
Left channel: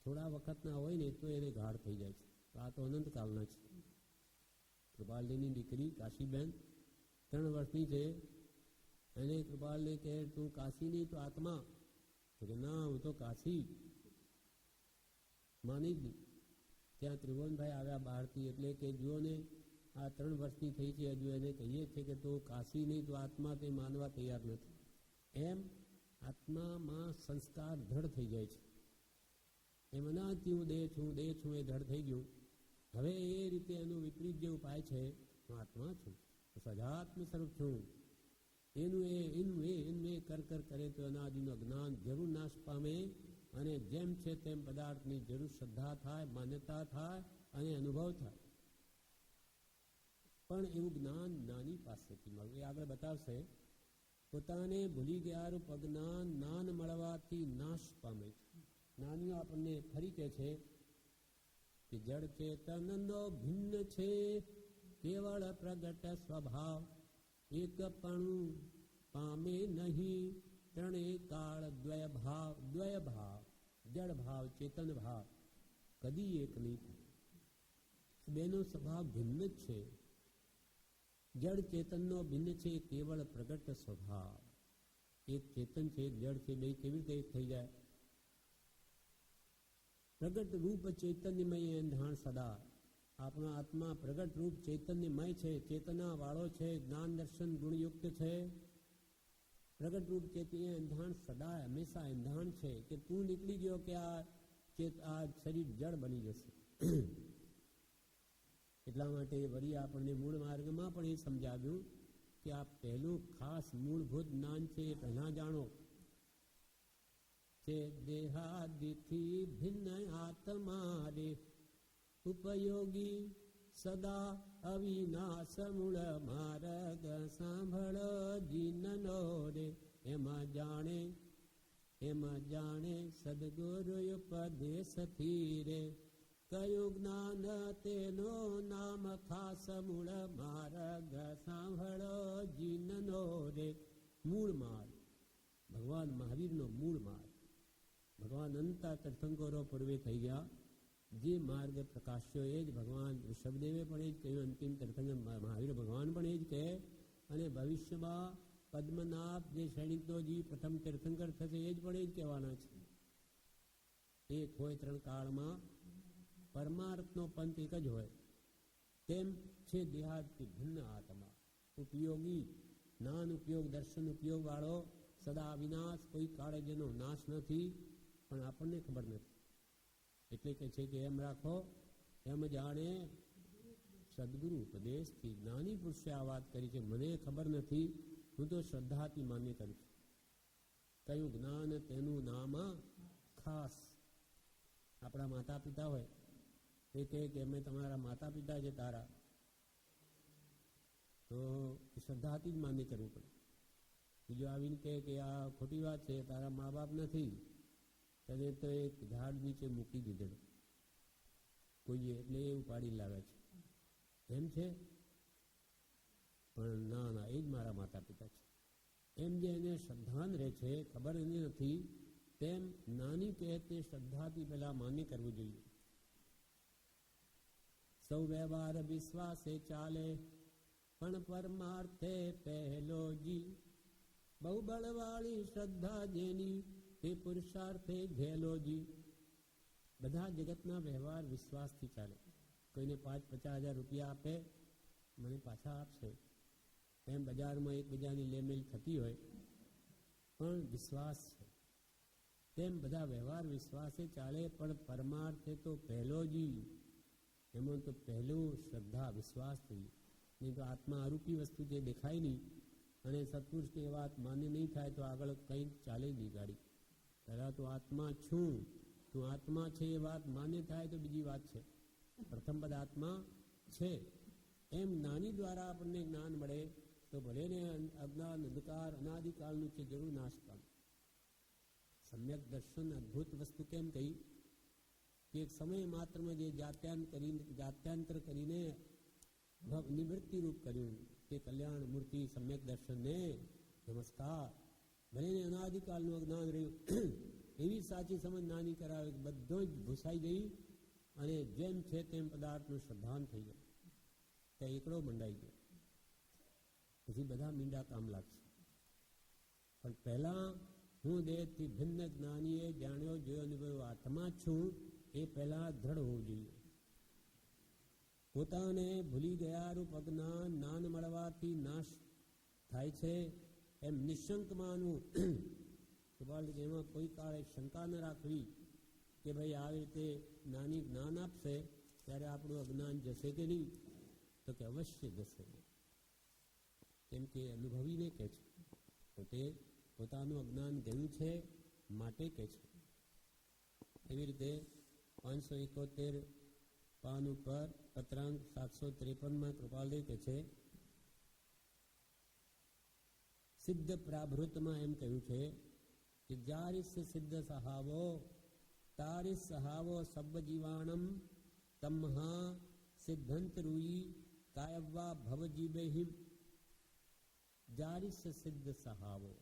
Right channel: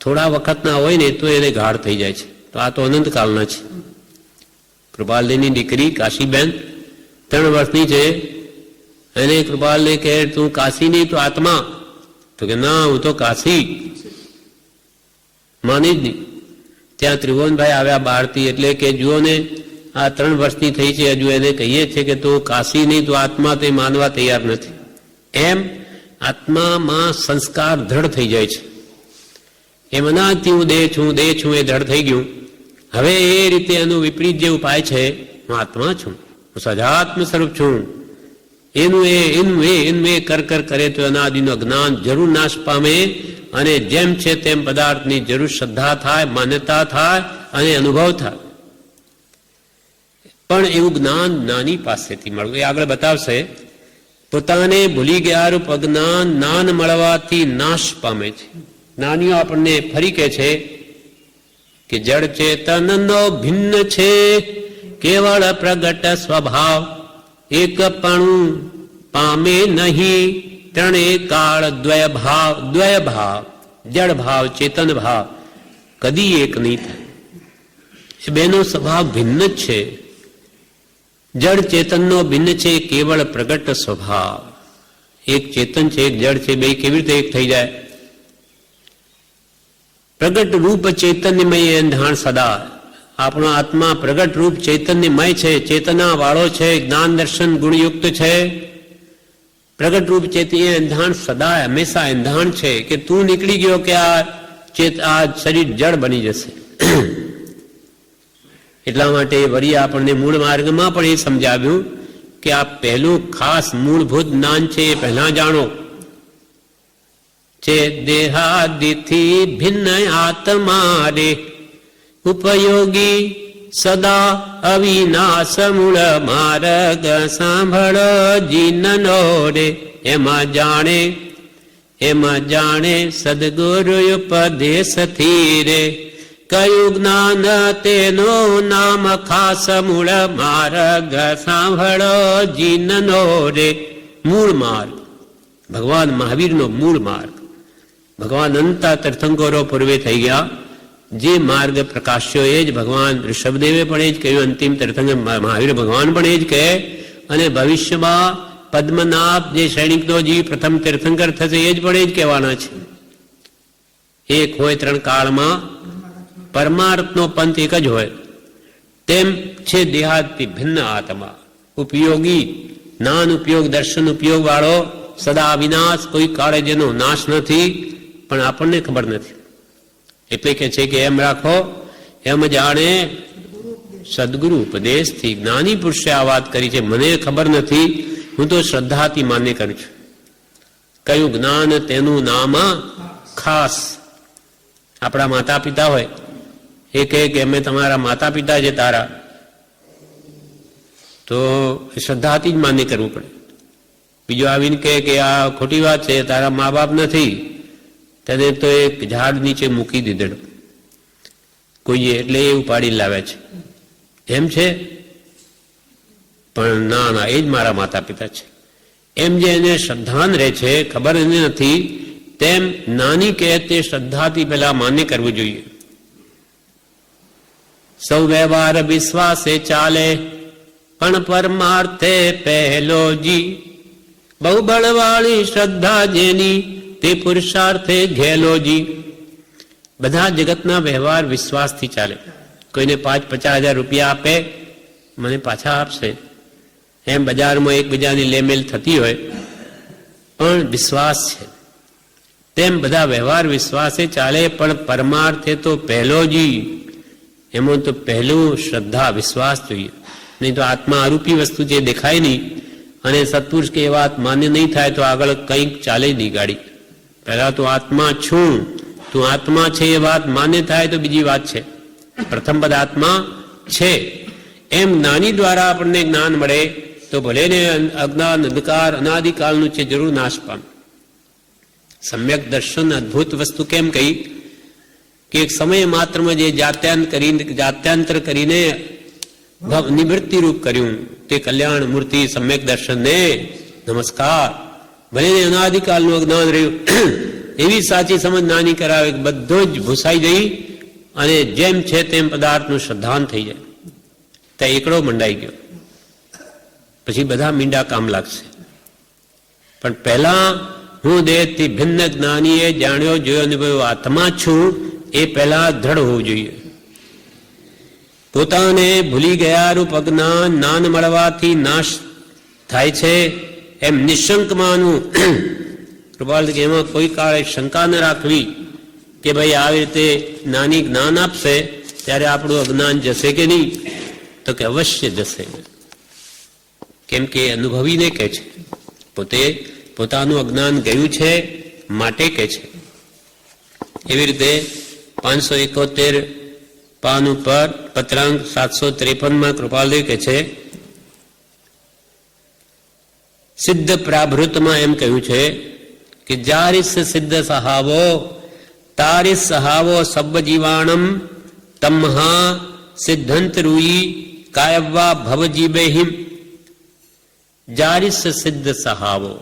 થોડા વખતના હોય ને તો એને ગાઢ થઈ જાય છે. તો આ તો અનંતકાળના છે. કૃપાલદેવની દીકરી કાશીબેન 3 વર્ષની છે. એને કૃપાલદેવ કહે તું કાશી નહીં તો આત્મા, તો કે ના હું તો કાશી. માની જ નહીં. ત્યાં ત્રિભુવનભાઈ આવ્યા બહારથી, એટલે કે જુઓ ને આ 3 વર્ષની થઈ છે, હજુ એને કહીએ છે કે તું કાશી નહીં તો આત્મા, તે માનવા તૈયાર નથી. એમ આત્મામાં સંસ્કાર દ્રઢ થઈ જાય છે. એમ અનાજથી હું દેહ છું, દેહ છું એ દ્રઢ થઈ ગયું. હવે એ રીતે એનું વિપરીત જે ઉપાય છે, હું આત્મા છું, હું સજાત્મ સ્વરૂપ છું, એનું એ કર કરે તો અનાદિનું અજ્ઞાન જરૂર નાશ પામે, અને જેમ છે તેમ પદાર્થની જરૂર શ્રદ્ધા થાય, માન્યતા થાય અને અનુભવ થાય. પણ એવું જ્ઞાન જ્ઞાની પાસેથી મળવું, એ આગળ બતાવશે. પોતાને ભૂલી ગયા રૂપ અજ્ઞાન જ્ઞાન મળવાથી નાશ પામે છે. જ્ઞાનીઓ આપણને ફરી કહે છે કે જડ ચેતનનો ભિન્ન છે કેવળ પ્રગટ સ્વભાવ, એકપણું પામે નહીં ત્રણે કાળ દ્વય ભાવ. જડ ભાવ ચેતન ભાવ કદી એક નહીં થાય. એ બેનો સ્વભાવ ભિન્ન જ છે. જડ ચેતનનો ભિન્ન છે કેવળ પ્રગટ સ્વભાવ. એક ચેતન છે, એક જડ છે, બે કેવી રીતે એક થઈ જાય? પ્રગટ રૂપ ચૈતન્યમય અંધાણ સદા. આપણો આત્મા પ્રગટ રૂપ ચૈતન્યમય છે, ચેતના વાળો છે, જ્ઞાન દર્શન ગુણયુક્ત છે. પ્રગટ રૂપ ચૈતન્ય અંધાણ સદા, હંમેશા અંધાણ છે કે તું નીકળી ગયો કે આ શરીર જડ બની જશે. એટલા માટે વળી આપણને મૂળ માર્ગમાં પણ એ સમજાવ્યું કે આ પહેલું ખાસ મૂળભૂત જ્ઞાન છે, એ પહેલા જાણો. છે દેહાદિથી ભિન્ન આત્મા રે, ઉપયોગી સદા અવિનાશ મૂળ માર્ગ સાંભળો જીનનો રે. એમાં જાણે સદગુરુ ઉપદેશથી રે, કયું જ્ઞાન તેનું નામ ખાસ મૂળ માર્ગ સાંભળો જીનનો રે. મૂળ માર્ગ ભગવાન મહાવીરનો મૂળ માર્ગ. ભગવાન અનંતા તીર્થંકરો પૂર્વે થઈ ગયા. જે માર્ગ પ્રકાશ્યો એ જ ભગવાન ઋષભદેવે પણ એ જ કહ્યું, અંતિમ તીર્થંકર મહાવીર ભગવાન પણ એ જ કહે. અને ભવિષ્યમાં પદ્મનાભ જે સૈનિકનો જીવ પ્રથમ તીર્થંકર થશે એ જ પણ એ જ કહેવાના છે. એક હોય ત્રણ કાળમાં પરમાર્થનો પંથ એક જ હોય. તેમ છે દેહાતી ભિન્ન આત્મા, ઉપયોગી જ્ઞાન ઉપયોગ દર્શન ઉપયોગ વાળો સદા વિનાશ, કોઈ કાળે જેનો નાશ નથી, પણ આપણને ખબર નથી. એટલે કે છે કે એમ રાખો એમ જાણે સદગુરુ ઉપદેશથી. જ્ઞાની પુરુષે આ વાત કરી છે, મને ખબર નથી, હું તો શ્રદ્ધાથી માન્ય કરું છું. કયું જ્ઞાન તેનું નામ ખાસ. આપણા માતા પિતા હોય એ કહે કે અમે તમારા માતા પિતા છે તારા, તો શ્રદ્ધાથી જ માન્ય કરવું પડે. બીજો આવીને કહે કે આ ખોટી વાત છે, તારા મા બાપ નથી, તેને તો એક ઝાડ નીચે મૂકી દીધેલો કોઈએ, એટલે એ ઉપાડી લાવે છે, એમ છે. પણ ના ના, એ જ મારા માતા પિતા છે. એમ જે એને શ્રદ્ધાન રહે છે, ખબર એને નથી, તેમ નાની કહે તે શ્રદ્ધાથી પેલા માન્ય કરવું જોઈએ. સૌ વ્યવહાર વિશ્વાસે ચાલે, પણ પરમાર્થે પહેલો જી. બહુ બળવાળી શ્રદ્ધા જેની, તે પુરુષાર્થે ઘેલોજી. બધા જગતના વ્યવહાર વિશ્વાસથી ચાલે. કોઈને 5-50 હજાર રૂપિયા આપે, મને પાછા આપશે, એમ બજારમાં એકબીજાની લેમેલ થતી હોય, પણ વિશ્વાસ છે. તેમ બધા વ્યવહાર વિશ્વાસે ચાલે, પણ પરમાર્થે તો પહેલો જી. એમાં તો પહેલું શ્રદ્ધા વિશ્વાસ જોઈએ. નહીં તો આત્મા આરૂપી વસ્તુ જે દેખાય નહીં, અને સત્પુરુષ કે એ વાત માન્ય નહીં થાય તો આગળ કંઈક ચાલે નહીં ગાડી. પહેલા તો આત્મા છું, તું આત્મા છે એ વાત માન્ય થાય તો બીજી વાત છે. પ્રથમ પદ આત્મા છે એમ જ્ઞાની દ્વારા આપણને જ્ઞાન મળે તો ભલે ને અજ્ઞાન અંધકાર અનાદિકાળનું છે, જરૂર નાશ પામે. સમ્યક દર્શન અદ્ભુત વસ્તુ કેમ કહી કે એક સમય માત્રમાં જે જાત્યાંતર કરીને નિવૃત્તિ રૂપ કર્યું તે કલ્યાણ મૂર્તિ સમ્યક દર્શનને નમસ્કાર. ભલે ને અનાદિકાળનું અજ્ઞાન રહ્યું એવી સાચી સમજ નાની કરાવે, બધો જ ભૂસાઈ જઈ અને જેમ છે તેમ પદાર્થનું શ્રદ્ધાન થઈ જાય. ત્યાં એકડો મંડાઈ ગયો, પછી બધા મીંડા કામ લાગશે. પણ પહેલા હું દેહથી ભિન્ન જ્ઞાનીએ જાણ્યો જોયો અનુભવ્યો આત્મા છું, એ પહેલા દ્રઢ હોવું જોઈએ. પોતાને ભૂલી ગયા રૂપ અજ્ઞાન જ્ઞાન મળવાથી નાશ થાય છે એમ નિશંક માનવું. કૃપાલ કે એમાં કોઈ કાળે શંકા ન રાખવી કે ભાઈ આવી રીતે નાની જ્ઞાન આપશે ત્યારે આપણું અજ્ઞાન જશે કે નહીં, તો કે અવશ્ય જશે. કેમ કે અનુભવીને કહે છે, પોતે પોતાનું અજ્ઞાન ગયું છે માટે કહે છે. એવી રીતે 571 પાન ઉપર પત્રાંક 753 કૃપાલદેવ કહે છે, સિદ્ધ પ્રાભૃતમાં એમ કહ્યું છે કે જારિસ સિદ્ધ સહાવો તારિસ સહાવો સબ્બ જીવાણમ તમહા સિદ્ધંત રૂઈ કાયવા ભવજીબેહિમ. જારિસ સિદ્ધ સહાવો,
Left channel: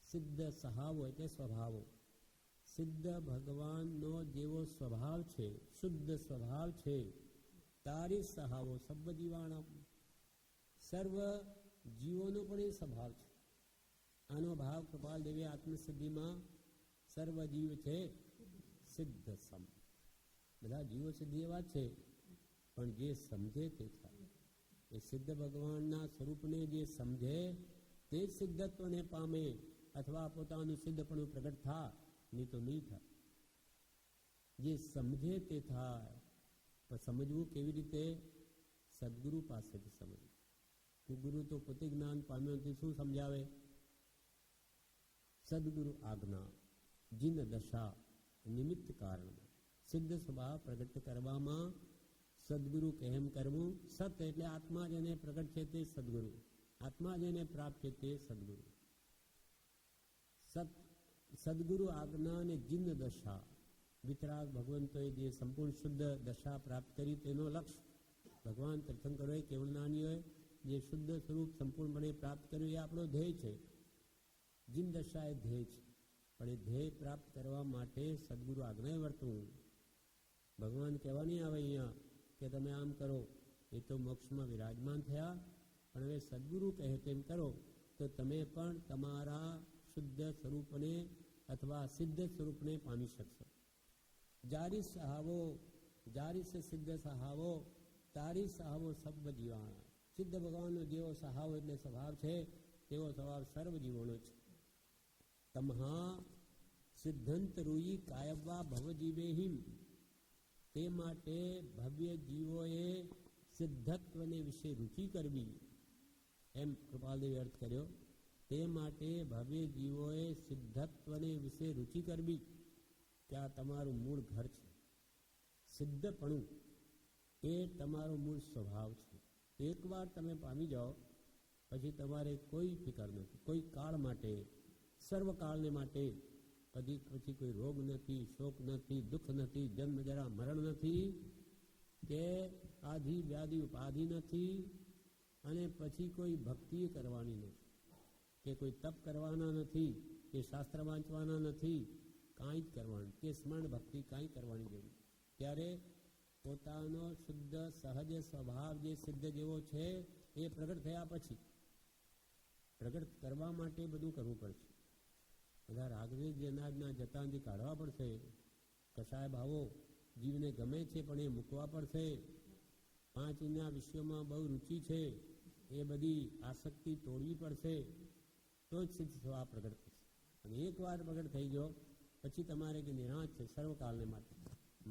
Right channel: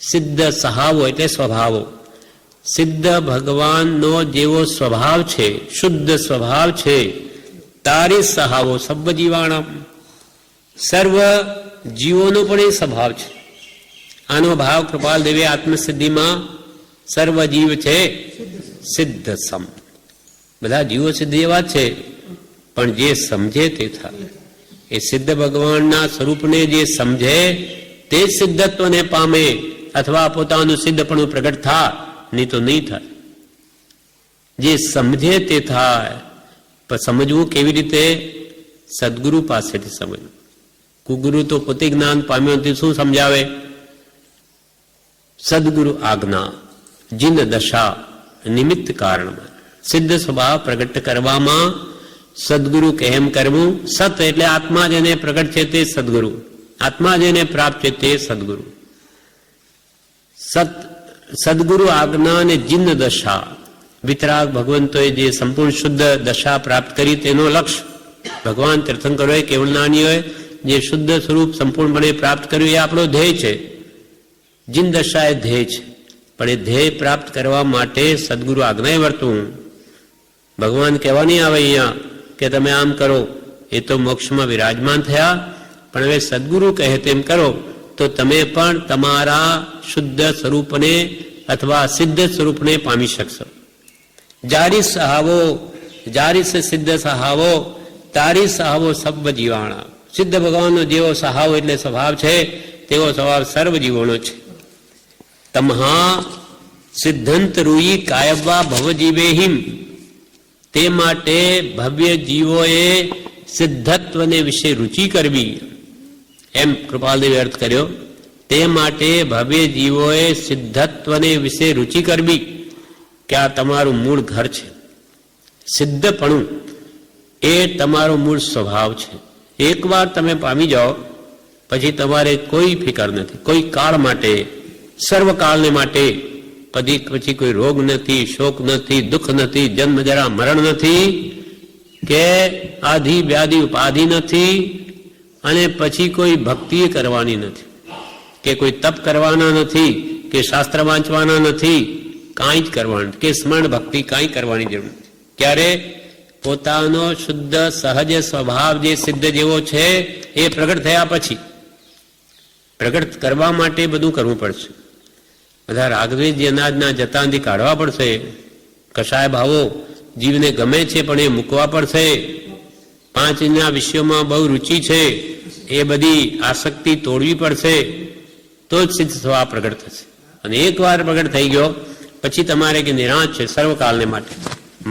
સિદ્ધ સહાવો એટલે સ્વભાવો. સિદ્ધ ભગવાનનો જેવો સ્વભાવ છે, શુદ્ધ સ્વભાવ છે. તારિસ સહાવો સબ્બ જીવાણમ, સર્વ જીવોનો પણ એ સ્વભાવ છે. આનો ભાવ કૃપાલ દેવે આત્મસિદ્ધિમાં સર્વ જીવ છે સિદ્ધ સમ. બધા જીવો સિદ્ધ એવા છે, પણ જે સમજે તે થાય. એ સિદ્ધ ભગવાનના સ્વરૂપને જે સમજે તે સિદ્ધત્વને પામે, અથવા પોતાનું સિદ્ધપણું પ્રગટ થાય, નહીં તો નહીં થાય. જે સમજે તે થાય. પણ સમજવું કેવી રીતે? સદગુરુ પાસેથી સમજવું. કુગુરુ તો પોતે જ્ઞાન પામ્યો તે શું સમજાવે? સદગુરુ આજ્ઞા જીન દશા નિમિત્ત કારણમાં સિદ્ધ સ્વભાવ પ્રગટ કરવામાં સદગુરુ કેમ કરવું? સત એટલે આત્મા જેને પ્રગટ છે તે સદગુરુ, આત્મા જેને પ્રાપ્ત છે તે સદગુરુ. સદગુરુ આજ્ઞા અને જીન દશા, વિતરાગ ભગવંતોએ જે સંપૂર્ણ શુદ્ધ દશા પ્રાપ્ત કરી તેનો લક્ષ્ય. ભગવાન તીર્થંકરોએ કેવલનાનીઓએ જે શુદ્ધ સ્વરૂપ સંપૂર્ણપણે પ્રાપ્ત કર્યું એ આપણો ધ્યેય છે. જીન દશા એ ધ્યેય છે, પણ એ ધ્યેય પ્રાપ્ત કરવા માટે સદગુરુ આજ્ઞાએ વર્તવું. ભગવાન કહેવા નહીં આવે અહીંયા કે તમે આમ કરો, એ તો મોક્ષમાં વિરાજમાન થયા, પણ હવે સદગુરુ કહે તેમ કરો તો તમે પણ તમારા શુદ્ધ સ્વરૂપને અથવા સિદ્ધ સ્વરૂપને પામી શકશો. જારી સહાવો જારી સે સિદ્ધ સહાવો તારી સહાવો સર્વ જીવાણા. સિદ્ધ ભગવાનનો જેવો સહાવો એટલે સ્વભાવ છે તેવો સ્વભાવ સર્વ જીવોનો છે. તમહા સિદ્ધંત રૂઈ કાયવા ભવજીવેહિમ. તે માટે ભવ્ય જીવોએ સિદ્ધત્વને વિશે રુચિ કરવી, એમ કૃપાલદેવે અર્થ કર્યો. તે માટે ભવ્ય જીવોએ સિદ્ધત્વને વિશે રુચિ કરવી કે આ તમારું મૂળ ઘર છે. સિદ્ધપણું એ તમારો મૂળ સ્વભાવ છે. એકવાર તમે પામી જાઓ પછી તમારે કોઈ ફિકર નથી, કોઈ કાળ માટે, સર્વકાળને માટે. પછી કોઈ રોગ નથી, શોક નથી, દુઃખ નથી, જન્મ જરા મરણ નથી, કે આધિ વ્યાધિ ઉપાધિ નથી, અને પછી કોઈ ભક્તિ કરવાની નથી, કે કોઈ તપ કરવાના નથી, કે શાસ્ત્ર વાંચવાના નથી, કાંઈ જ કરવાનું, કે સ્મરણ ભક્તિ કાંઈ કરવાની જરૂર નથી. ક્યારે પોતાનો શુદ્ધ સહજ સ્વભાવ જે સિદ્ધ જેવો છે એ પ્રગટ થયા પછી. પ્રગટ કરવા માટે બધું કરવું પડશે. બધા રાગદ્વેષ અનાજના જતાંથી કાઢવા પડશે. કશાય ભાવો જીવને ગમે છે પણ એ મૂકવા પડશે. 5 વિષયોમાં બહુ રુચિ છે, એ બધી આસક્તિ તોડવી પડશે, તો જ સિદ્ધ સ્વભાવ પ્રગટ થશે. અને એકવાર પ્રગટ થઈ ગયો પછી તમારે કે નિરાંત છે સર્વકાલને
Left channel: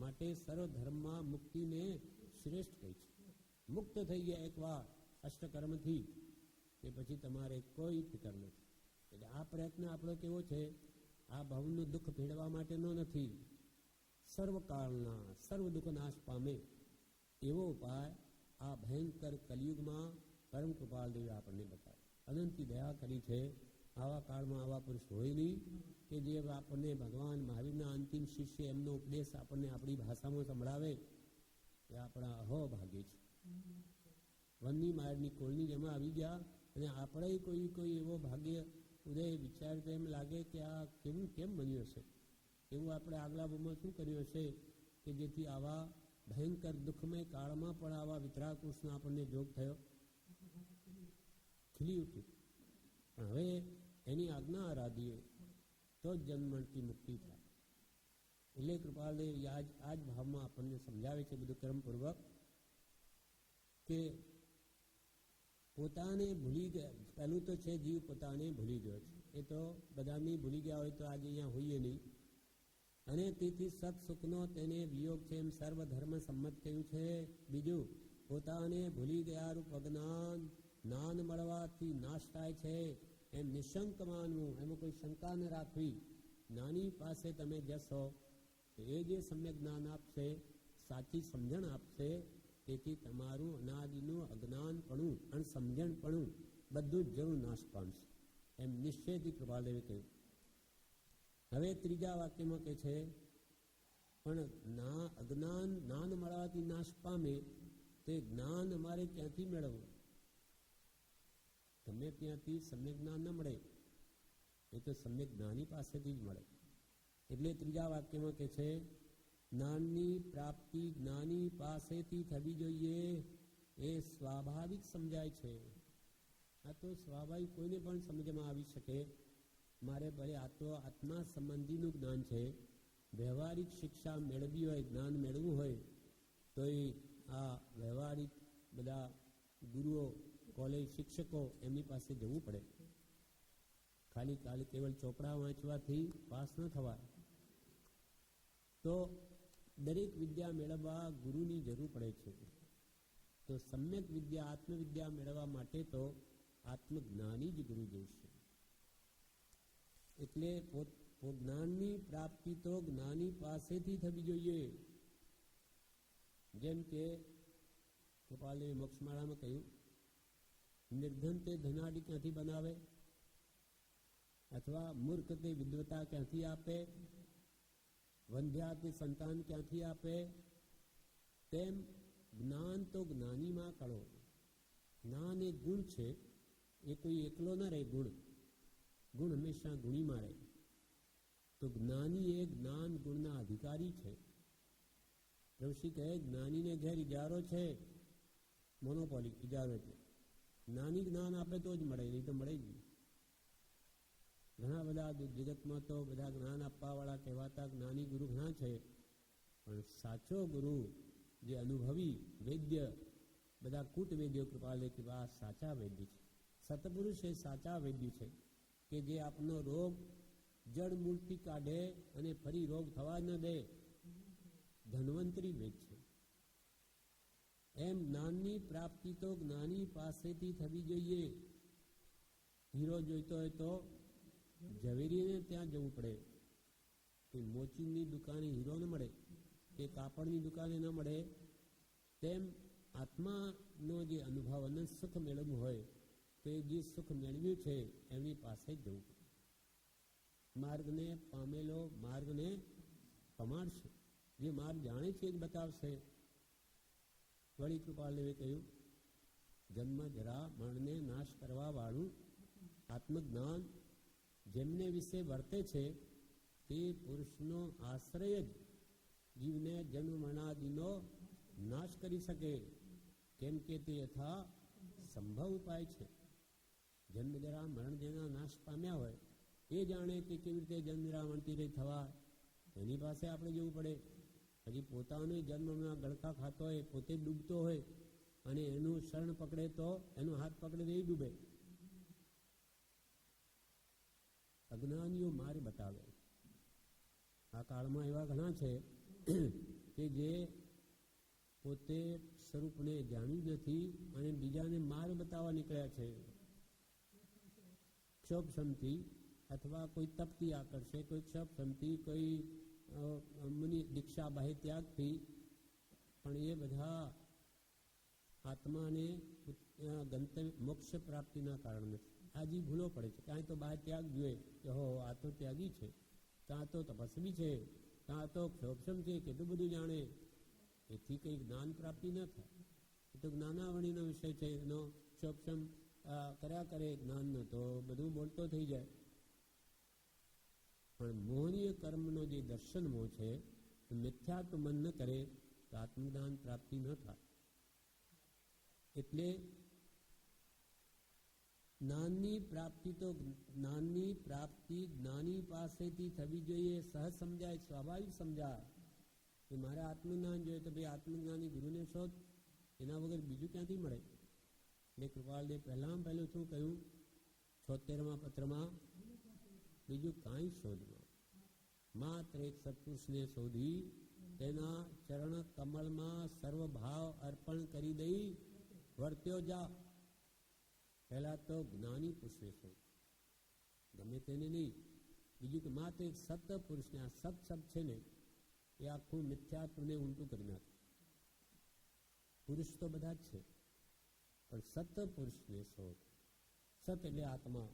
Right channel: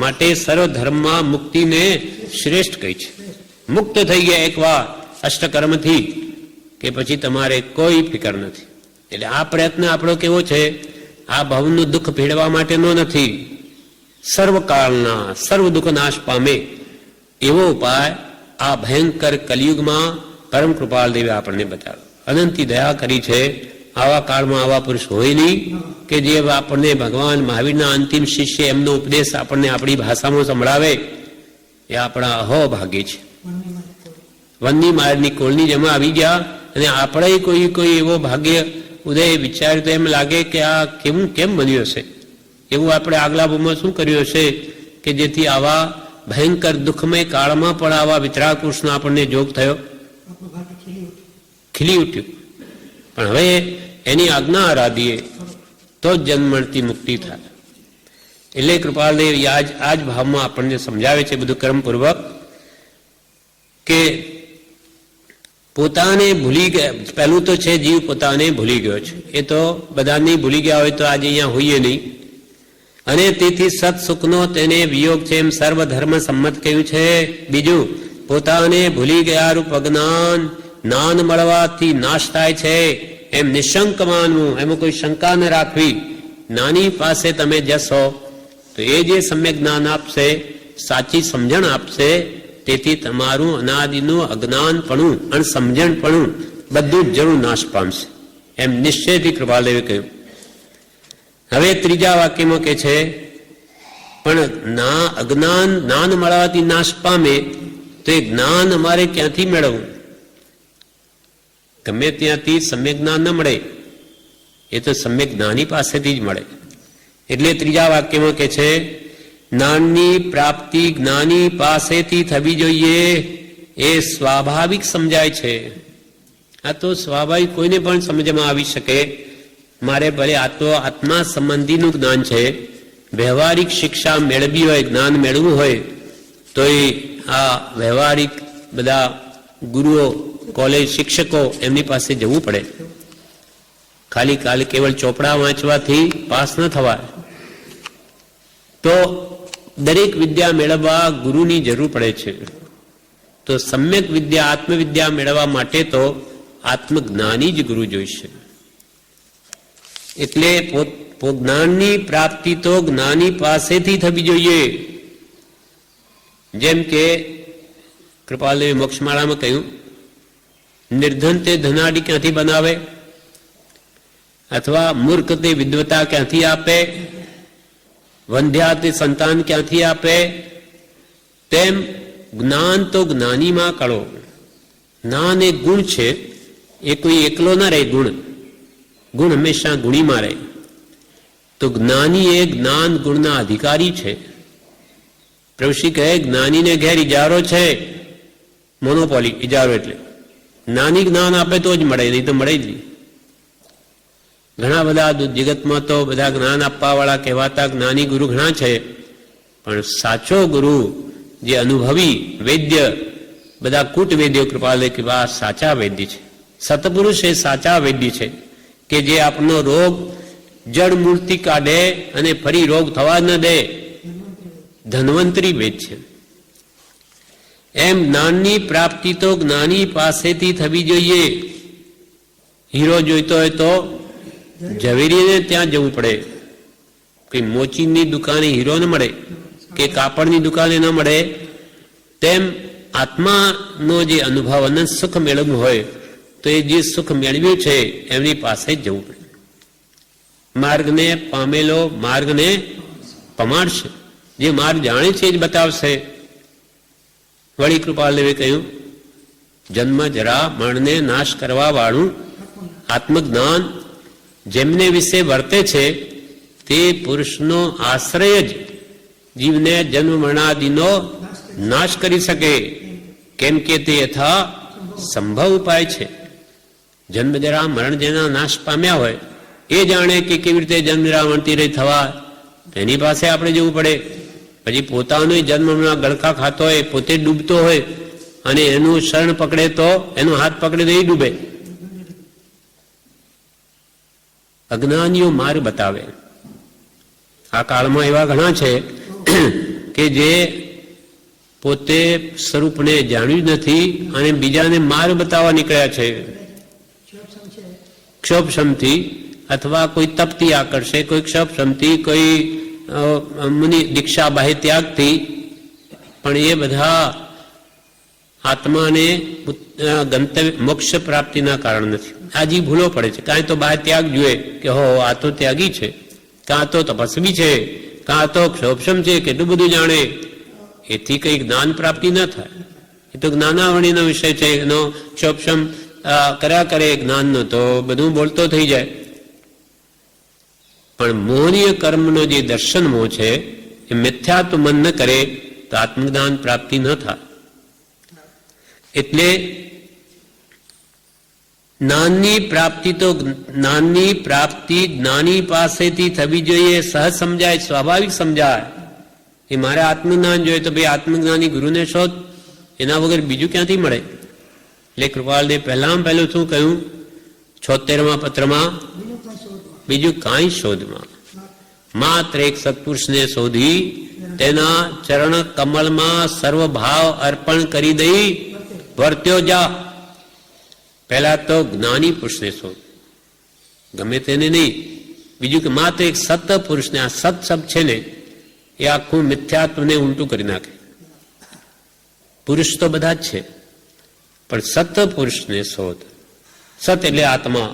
માટે સર્વધર્મમાં મુક્તિને શ્રેષ્ઠ કહી છે. મુક્ત થઈ ગયા એકવાર અષ્ટકર્મથી કે પછી તમારે કોઈ ફિકર નથી. એટલે આ પ્રયત્ન આપણો કેવો છે, આ ભવનું દુઃખ ભેળવા માટેનો નથી, સર્વકાળના સર્વ દુઃખ નાશ પામે એવો ઉપાય આ ભયંકર કલિયુગમાં પરમ કૃપાલદેવે આપણને બતાવ્યો. અનંતી દયા કરી છે. આવા કાળમાં આવા પુરુષ હોય નહીં કે જે આપણને ભગવાન મહાવીરના અંતિમ શિષ્ય એમનો ઉપદેશ આપણને આપણી ભાષામાં સંભળાવે. એ આપણા અહોભાગ્ય છે. વનની માળની કોળની જેમ આવી ગયા અને આપણે કોઈ એવો ભાગ્ય ઉદય વિચાર્યું તો એમ લાગે કે આ કેમ બન્યું હશે. એવું આપણે આગલા ભાવમાં શું કર્યું હશે કે જેથી આવા ભયંકર દુઃખમય કાળમાં પણ આવા વિતરાગ પુરુષનો આપણને જોગ થયો, ખીલી ઉઠ્યું. પણ હવે એની આજ્ઞા આરાધીએ તો જ જન્મથી મુક્તિ થાય. એટલે કૃપાલદેવ આ જ ભાવમાં આપણને સમજાવે છે બધું કર્મપૂર્વક કે પોતાને ભૂલી ગયા. પહેલું તો છે જીવ પોતાને ભૂલી ગયો છે. એ તો બધાને ભૂલી ગયા હોય તો આજે અહીંયા હોઈએ નહીં. અને તેથી સત સુખનો તેને વિયોગ છે એમ સર્વધર્મ સંમત કહ્યું છે. બીજું, પોતાને ભૂલી ગયા રૂપ અજ્ઞાન જ્ઞાન મળવાથી નાશ થાય છે એમ નિશંક માનવું, એમાં કોઈ શંકા ન રાખવી. જ્ઞાની પાસે તમે જશો તો એ જે સમ્યક જ્ઞાન આપશે, સાચી સમજણ આપશે. તેથી તમારું અનાદિનું અજ્ઞાનપણું અને સમજણપણું બધું જ જરૂર નાશ પામશે એમ નિશ્ચયથી કૃપાલદેવે કહ્યું. હવે ત્રીજા વાક્યમાં કે છે પણ અજ્ઞાન જ્ઞાન મળવાથી નાશ પામે તો એ જ્ઞાન અમારે ક્યાંથી મેળવવું? ગમે ત્યાંથી સમ્યક જ્ઞાન ન મળે, એ તો સમ્યક જ્ઞાની પાસેથી જ મળે. એટલે ત્રીજા વાક્યમાં કે છે જ્ઞાનની પ્રાપ્તિ જ્ઞાની પાસેથી થવી જોઈએ. એ સ્વાભાવિક સમજાય છે. આ તો સ્વાભાવિક કોઈને પણ સમજમાં આવી શકે. મારે ભલે આ તો આત્મા સંબંધીનું જ્ઞાન છે. વ્યવહારિક શિક્ષા મેળવી હોય, જ્ઞાન મેળવવું હોય તો એ આ વ્યવહારિક બધા ગુરુઓ, કોલેજ શિક્ષકો એમની પાસે જવું પડે. ખાલી કેવળ ચોપડા વાંચવાથી પાસ ન થવાય. તો દરેક વિદ્યા મેળવવા ગુરુની જરૂર પડે છે. તો સમ્યક વિદ્યા, આત્મવિદ્યા મેળવવા માટે તો આત્મજ્ઞાની જ ગુરુ જોઈશે. એટલે જ્ઞાનની પ્રાપ્તિ તો જ્ઞાની પાસેથી થવી જોઈએ. જેમ કે કૃપાલદેવે મોક્ષમાળામાં કહ્યું, નિર્ધન તે ધનાડી ક્યાંથી બનાવે, અથવા મૂર્ખ તે વિદ્વતા ક્યાંથી આપે, વંધ્યા તે સંતાન ક્યાંથી આપે. તેમ જ્ઞાન તો જ્ઞાનીમાં કળો. જ્ઞાન એક ગુણ છે, એ કોઈ એકલો ના રહે. ગુણ હંમેશા ગુણીમાં રહે. તો જ્ઞાની એ જ્ઞાન ગુણના અધિકારી છે. પ્રભુશ્રી કહે જ્ઞાનીને ઘેર ઇજારો છે, મોનોપોલી. ઇજારો એટલે જ્ઞાની જ્ઞાન આપે તો જ મળે, નહીં તો મળે જ નહીં. ઘણા બધા જગતમાં તો બધા જ્ઞાન આપવા વાળા કહેવાતા જ્ઞાની ગુરુ ઘણા છે, પણ સાચો ગુરુ જે અનુભવી વેદ્ય, બધા કૂટ વેદ્યો કૃપાલય કૃપા સાચા વૈદ્ય છે. સતપુરુષ એ સાચા વૈદ્ય છે કે જે આપનો રોગ જડ મૂળથી કાઢે અને ફરી રોગ થવા ન દે. ધન્વંતરી વેદ છે. એમ જ્ઞાનની પ્રાપ્તિ તો જ્ઞાની પાસેથી થવી જોઈએ. હીરો જોઈતો હોય તો ઝવેરીને ત્યાં જવું પડે. કઈ મોચીની દુકાને હીરો ન મળે કે કાપડની દુકાને ન મળે. તેમ આત્માનો જે અનુભવ અને સુખ મેળવવું હોય તો એ જે સુખ મેળવ્યું છે એમની પાસે જ જવું પડે. માર્ગને પામેલો માર્ગને પમાડશે. જે માર્ગ જાણે છે એ જ બતાવશે. વળી કૃપાલદેવે કહ્યું, જન્મ જરા મરણને નાશ કરવા વાળું આત્મજ્ઞાન જેમને વિશે વર્તે છે તે પુરુષનો આશ્રય જ જીવને જન્મ મરણાદિનો નાશ કરી શકે, કેમ કે તે યથા સંભવ ઉપાય છે. જન્મ જરા મરણ જેના નાશ પામ્યા હોય એ જાણે કે કેવી રીતે જન્મ જરા મરતી રહી થવા, તેની પાસે આપણે જવું પડે. પછી પોતાનો જન્મના ગળકા ખાતો હોય, પોતે ડૂબતો હોય અને એનું શરણ પકડે તો, એનો હાથ પકડે તો એ ડૂબે. અજ્ઞાનીઓ માર્ગ બતાવે. આ કાળમાં એવા ઘણા છે કે જે પોતે સ્વરૂપને જાણ્યું નથી અને બીજાને માર્ગ બતાવવા નીકળ્યા છે. ક્ષોભશમથી અથવા કોઈ તપથી આકર્ષે, કોઈ ક્ષોભશમથી, કોઈ મુનિ દીક્ષા બાહ્ય ત્યાગથી, પણ એ બધા આત્માને ગંતવ્ય મોક્ષ પ્રાપ્તિના કારણ નથી. આજી ભૂલો પડે છે. કાંઈ તો બાહ્ય ત્યાગ જોઈએ કે હો આ તો ત્યાગી છે, કાં તો તપસ્વી છે, કાં તો ક્ષોભશમ છે, કેટલું બધું જાણે. એથી કઈ જ્ઞાન પ્રાપ્તિ ન થાય. એ તો જ્ઞાનાવણીનો વિષય છે. એનો ક્ષોભશમ કર્યા કરે જ્ઞાનનો તો બધું બોલતો થઈ જાય. પણ મોહનીય કર્મનો જે દર્શન મોહ છે એ મિથ્યાત્વ મન ન કરે તો આત્મજ્ઞાન પ્રાપ્તિ ન થાય. એટલે જ્ઞાનની પ્રાપ્તિ તો જ્ઞાનની પ્રાપ્તિ જ્ઞાની પાસેથી થવી જોઈએ. સહજ સમજાય, સ્વાભાવિક સમજાય. એ મારે આત્મજ્ઞાન જોઈએ તો ભાઈ આત્મજ્ઞાની ગુરુને શોધ, એના વગર બીજું ક્યાંથી મળે. એટલે કૃપાલદેવ પહેલામાં પહેલું શું કહ્યું 76મા પત્રમાં, બીજું કાંઈ શોધમાં, માત્ર એક સત્પુરુષને શોધી તેના ચરણ કમલમાં સર્વભાવ અર્પણ કરી દઈ વર્ત્યો જા. પહેલા તો જ્ઞાની પુરુષને શોધ, ગમે તેને નહીં. બીજું કે માત્ર એક સત પુરુષને, આ સત શબ્દ છે ને એ આખું મિથ્યાત્વને ઉલટું કરી નાખે. પુરુષ તો બધા જ છે, પણ સત પુરુષને શોધ. સત એટલે આત્મા.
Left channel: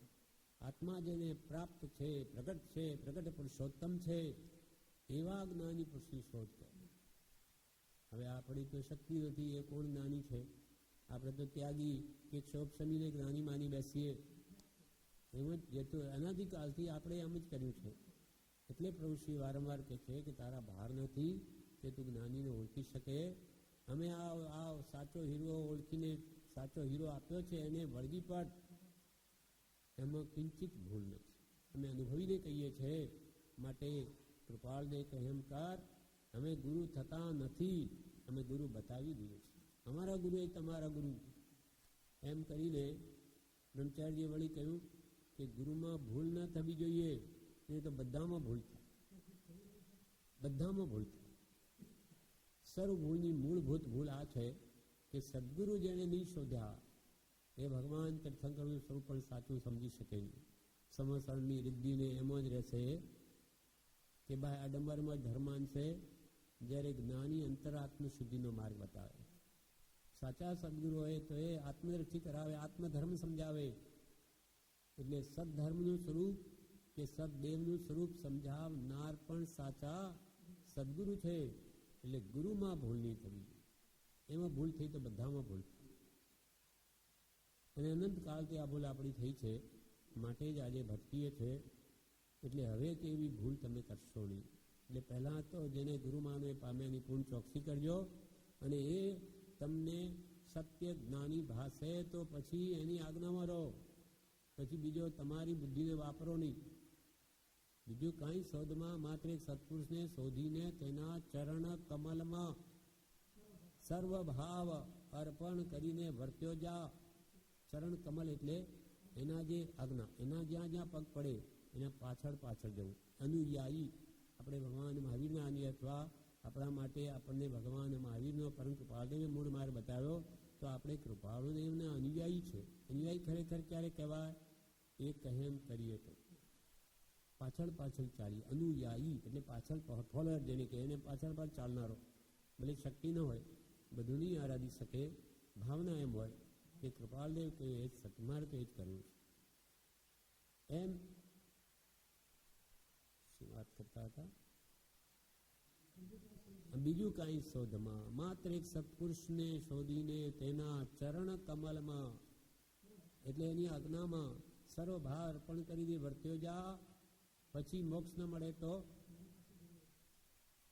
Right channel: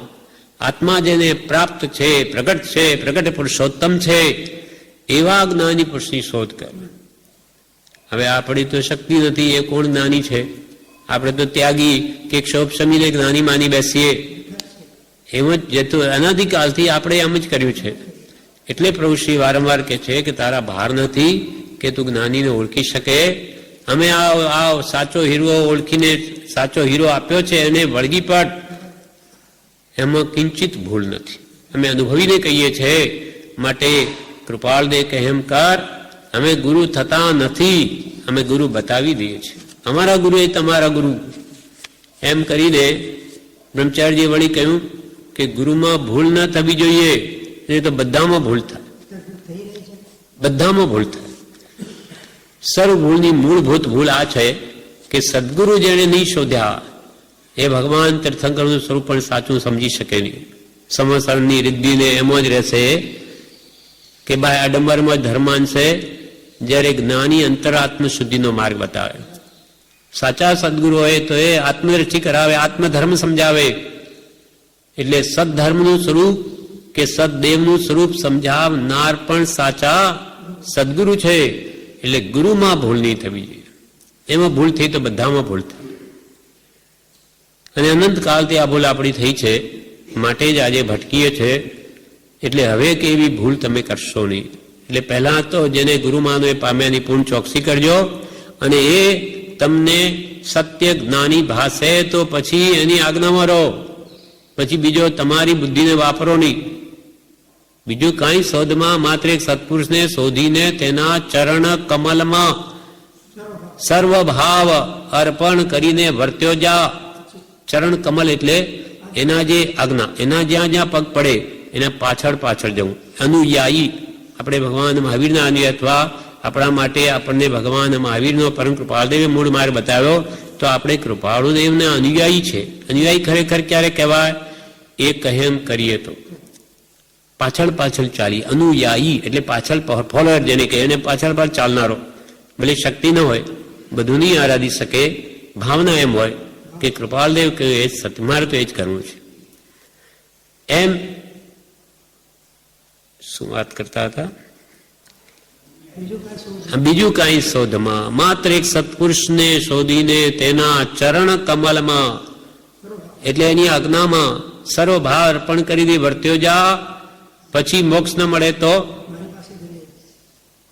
આત્મા જેને પ્રાપ્ત છે, પ્રગટ છે, પ્રગટ પુરુષોત્તમ છે, એવા જ્ઞાની પુરુષની શોધ કર. હવે આપણી તો શક્તિ નથી. એ કોણ જ્ઞાની છે? આપણે તો ત્યાગી કે ક્ષોભશમીને જ્ઞાની માની બેસીએ. એમ જ જેતું અનાદિકાલથી આપણે એમ જ કર્યું છે. એટલે પ્રભુ શ્રી વારંવાર કહે છે કે તારા ભાર નથી કે તું જ્ઞાનીને ઓળખી શકે. અમે આ સાચો હીરો ઓળખીને સાચો હીરો આપ્યો છે એને વળગી પડ, એમાં કિંચિત ભૂલ નથી. અમે અનુભવીને કહીએ છીએ. માટે કૃપાળદેવ કહે એમ કર. અમે ગુરુ થતા નથી, અમે ગુરુ બતાવી દઈએ છીએ. અમારા ગુરુ એ તમારા ગુરુ. એમ કરીને બ્રહ્મચારીજીએ વળી કહ્યું કે ગુરુમાં ભૂલ ન થવી જોઈએ, નહીં તો બધામાં ભૂલ થાય. બધામાં ભૂલ થાય. સર્વ ભૂલની મૂળભૂત ભૂલ આ છે કે સદગુરુ જેને નહીં શોધ્યા એ ભગવાન તીર્થંકરનું સ્વરૂપ પણ સાચું સમજી શકે નહીં. સમસરની રિદ્ધિને એમ જ રહેશે કે ભાઈ આડંબરમાં ધર્માન છે, જ્યારે જ્ઞાની અંતરાત્મ શુદ્ધિનો માર્ગ બતાવે. સાચા સદગુરુ હોય તો એ આત્મદ્રષ્ટિ કરાવે, આત્મધર્મ સમજાવે. એટલે સદધર્મનું સ્વરૂપ કે સદદેવનું સ્વરૂપ સમજાવનાર પણ સાચા સદગુરુ છે. એટલે ગુરુમાં ભૂલ નહીં થવી જોઈએ. એમાં ભૂલ થઈ તો બધામાં ભૂલ થાય. અને અનંતકાલથી આ ભૂલ આપણી થઈ છે. માટે જ આજે ભટકીએ છે. એટલે હવે કે એવી ભૂલ તમે કરશો નહીં. એટલે પહેલાં તો જેને ગુરુમાનો એ પામ્યાની પૂર્ણ ચોકસી કરજો, અને એ તમને સત્ય જ્ઞાની ભાસે તો પછી એની આજ્ઞામાં રહો, પછી બીજો તમારી બુદ્ધિને વાપરો નહીં. બીજું કાંઈ શોધમાં માત્ર એક સત્પુરુષને શોધીને તેના ચરણ કમલમાં સર્વભાવ અર્પણ કરીને વર્ત્યો જા. ચરણ કમલ એટલે એના જે આજ્ઞા, એના જ્યાં જ્યાં પગ પડે એના પાછળ પાછળ જવું. અનુયાયી આપણે ભગવાન મહાવીરના અનુયાયી, અથવા આપણા માટે આપણને ભગવાન મહાવીરનો પરમ કૃપાળદેવે મૂળ માર્ગ બતાવ્યો, તો આપણે કૃપાળુદેવના અનુયાયી છે. અનુયાયી ખરેખર ક્યારે કહેવાય? એ કહેમ કરીએ તો પાછળ પાછળ ચાલી. અનુયાયી એટલે પાછળ ફોલોઅર જેને કહે, એને પાછળ પાછળ ચાલનારો. ભલે શક્તિ ન હોય, બધું નહીં આરાધી શકે, ભાવના એમ હોય કે કૃપાલદેવ કહ્યું એ સત્ય, મારે તો એ જ કરવું છે. એમ શું વાત કરતા હતા? બીજું કાંઈ શોધમાં માત્ર એક સત્પુરુષને શોધીને તેના ચરણ કમલમાં એટલે એની આજ્ઞામાં સર્વભાવ અર્પણ કરી વર્ત્યો જા. પછી મોક્ષ ન મળે તો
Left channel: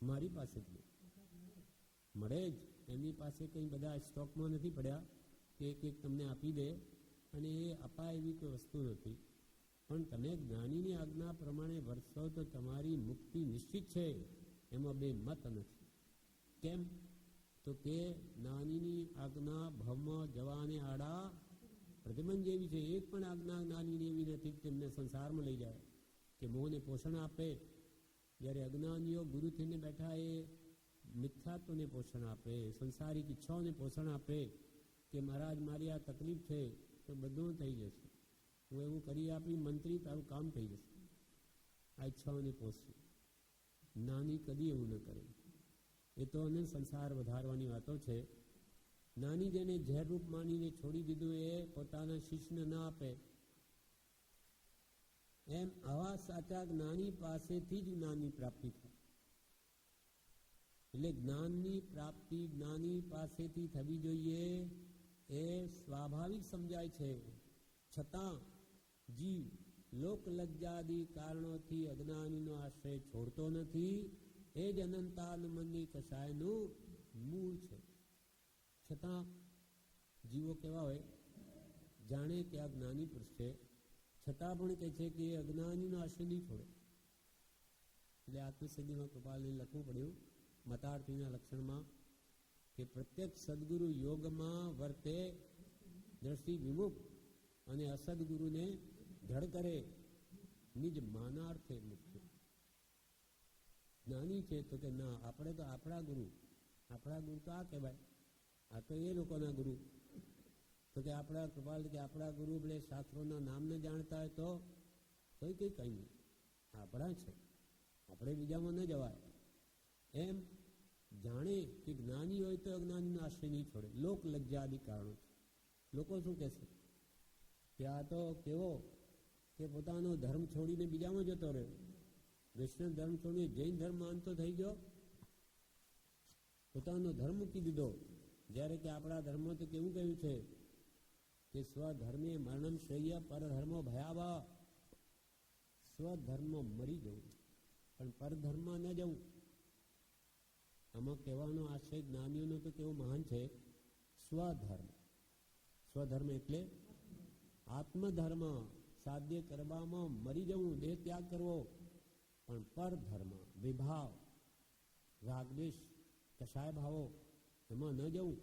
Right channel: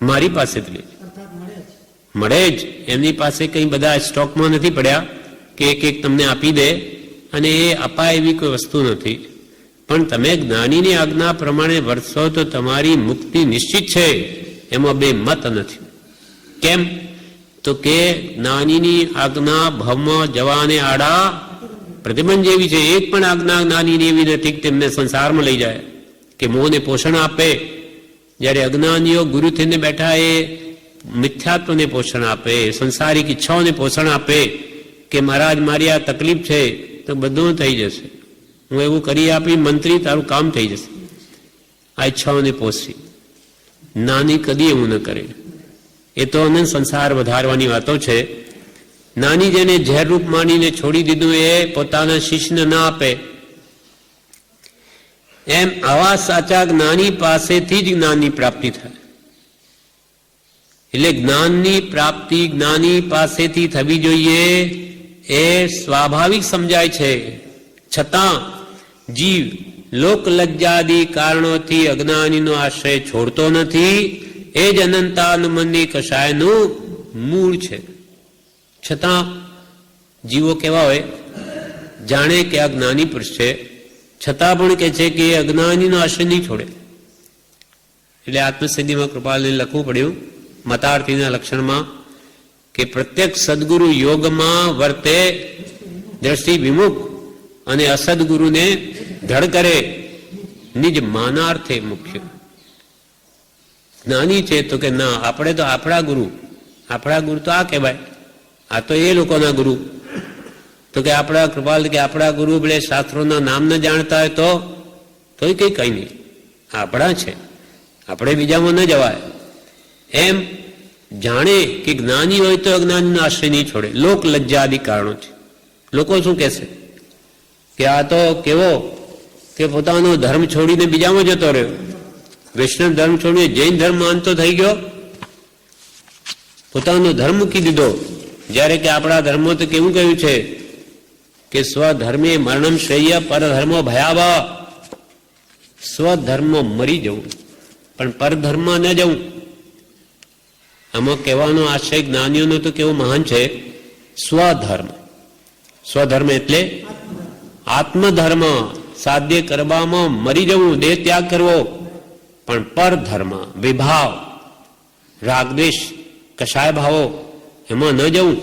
મારી પાસેથી મળે જ. એમની પાસે કઈ બધા સ્ટોકમાં નથી પડ્યા કે એક એક તમને આપી દે, અને એ અપાય એવી કોઈ વસ્તુ નથી. પણ તમે જ્ઞાનીની આજ્ઞા પ્રમાણે વર્તશો તો તમારી મુક્તિ નિશ્ચિત છે, એમાં બે મત નથી. કેમ? તો કે જ્ઞાનીની આજ્ઞા ભવમાં જવાને આડા પ્રતિબંધ જેવી છે. એક પણ આજ્ઞા જ્ઞાનીની એવી નથી કે તેમને સંસારમાં લઈ જાય, કે મોહને પોષણ આપે. જ્યારે અજ્ઞાનીઓ ગુરુ થઈને બેઠા એ મિથ્યાત્વને પોષણ આપે, સંસારિક ઈચ્છાઓને પોષણ આપે કે મહારાજ મારી આ તકલીફ છે તો બધું થઈ જશે, હું એવું કરી આપી મંત્રી, તારું કામ થઈ જશે. આ ઈચ્છાઓને પોષી. નાની કદી એવું ન કરે. એ તો અનંત સંસાર વધારવાની વાતો છે. નાની જેને ઝેરરૂપ માનીને છોડી દીધું એ પોતાના શિષ્યને ના આપે. એમ આવા સાચા જ્ઞાની પાસેથી જ જ્ઞાનની પ્રાપ્તિ થાય. એટલે જ્ઞાનની પ્રાપ્તિ જ્ઞાની પાસેથી થવી જોઈએ એ સ્વાભાવિક સમજાય છે. છતાં જીવ લોક લજ્જાદી કારણોથી અજ્ઞાનીનો આશ્રય છોડતો નથી. એ જ અનંતાનુબંધી કષાયનું મૂળ છે. છતાં જીવો કેવા હોય? જાણે કે આ જ્ઞાની પુરુષ છે, છતાં પણ કે છે કે એ અજ્ઞાનીનો આશ્રય નહીં છોડે. એટલે આત્મસિદ્ધિમાં કૃપાલને લખવું પડ્યું મતાર્થીના લક્ષણમાં કે પ્રત્યક્ષ સદગુરુ યોગમાં વર્તે દ્રષ્ટિ વિમુખ અને અસદગુરુને ધડ કરે નિજ માનાર્થે મુખ્ય. જ્ઞાની છે તો કે ના, આપણે તો આપણા ગુરુ તો આ કહેવાય, આ તો એ લોકોના ગુરુ. તો કે આપણા કૃપાલ કે આપણા ગુરુ એટલે શાસ્ત્રોના નામ ન જાણતા હોય તો કઈ નહીં, આપણા છે, આપણે બીજામાં ન જવાય. એમ જાણે કે જ્ઞાની હોય તો અજ્ઞાનીનો આશ્રય નહીં છોડે. લોક લજ્જાદી કારણો છે. લોકો શું કહેશે કે આ તો કેવો કે પોતાનો ધર્મ છોડીને બીજામાં જતો રહ્યો, વૈષ્ણવ ધર્મ છોડીને જૈન ધર્મ માનતો થઈ ગયો, પોતાનો ધર્મ મૂકી દીધો. જ્યારે કે આપણા ધર્મો તો કેવું કહ્યું છે કે સ્વધર્મે મરણમ શ્રેય પરધર્મો ભયાવહ. સ્વધર્મ મરી જવું પણ પરધર્મ ન જવું. આમાં કહેવાનો આશય જ્ઞાનીઓનો તો કેવો મહાન છે. સ્વધર્મ એટલે આત્મધર્મ સાધ્ય કરવામાં મરી જવું, દેહ ત્યાગ કરવો. પણ પરધર્મ વિભાવ, રાગદ્વેષ, કષાય ભાવો એમાં ન જવું.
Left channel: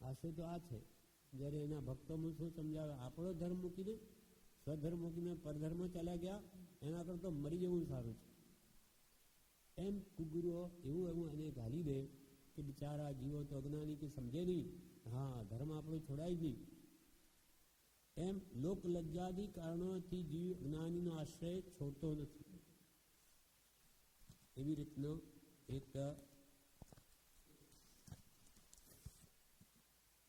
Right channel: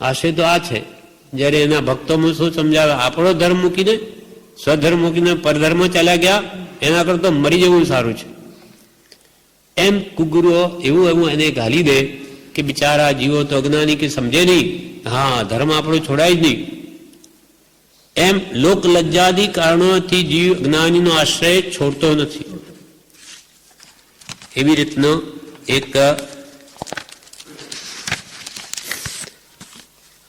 આશય તો આ છે. જ્યારે એના ભક્તોમાં શું સમજાવે? આપણો ધર્મ મૂકીને સ્વધર્મ મૂકીને પરધર્મ ચાલ્યા ગયા, એના કરતા મરી જવું સારું છે. એમ કુગુરુઓ એવું એને ગાલી દે કે બિચારા જીવો તો અજ્ઞાની કે સમજે નહીં, હા ધર્મ આપણો છોડાય જ નહીં. એમ લોક લજ્જાદી કારણોથી જીવ જ્ઞાનીનો આશ્રય છોડતો નથી. એવી રીતનો એક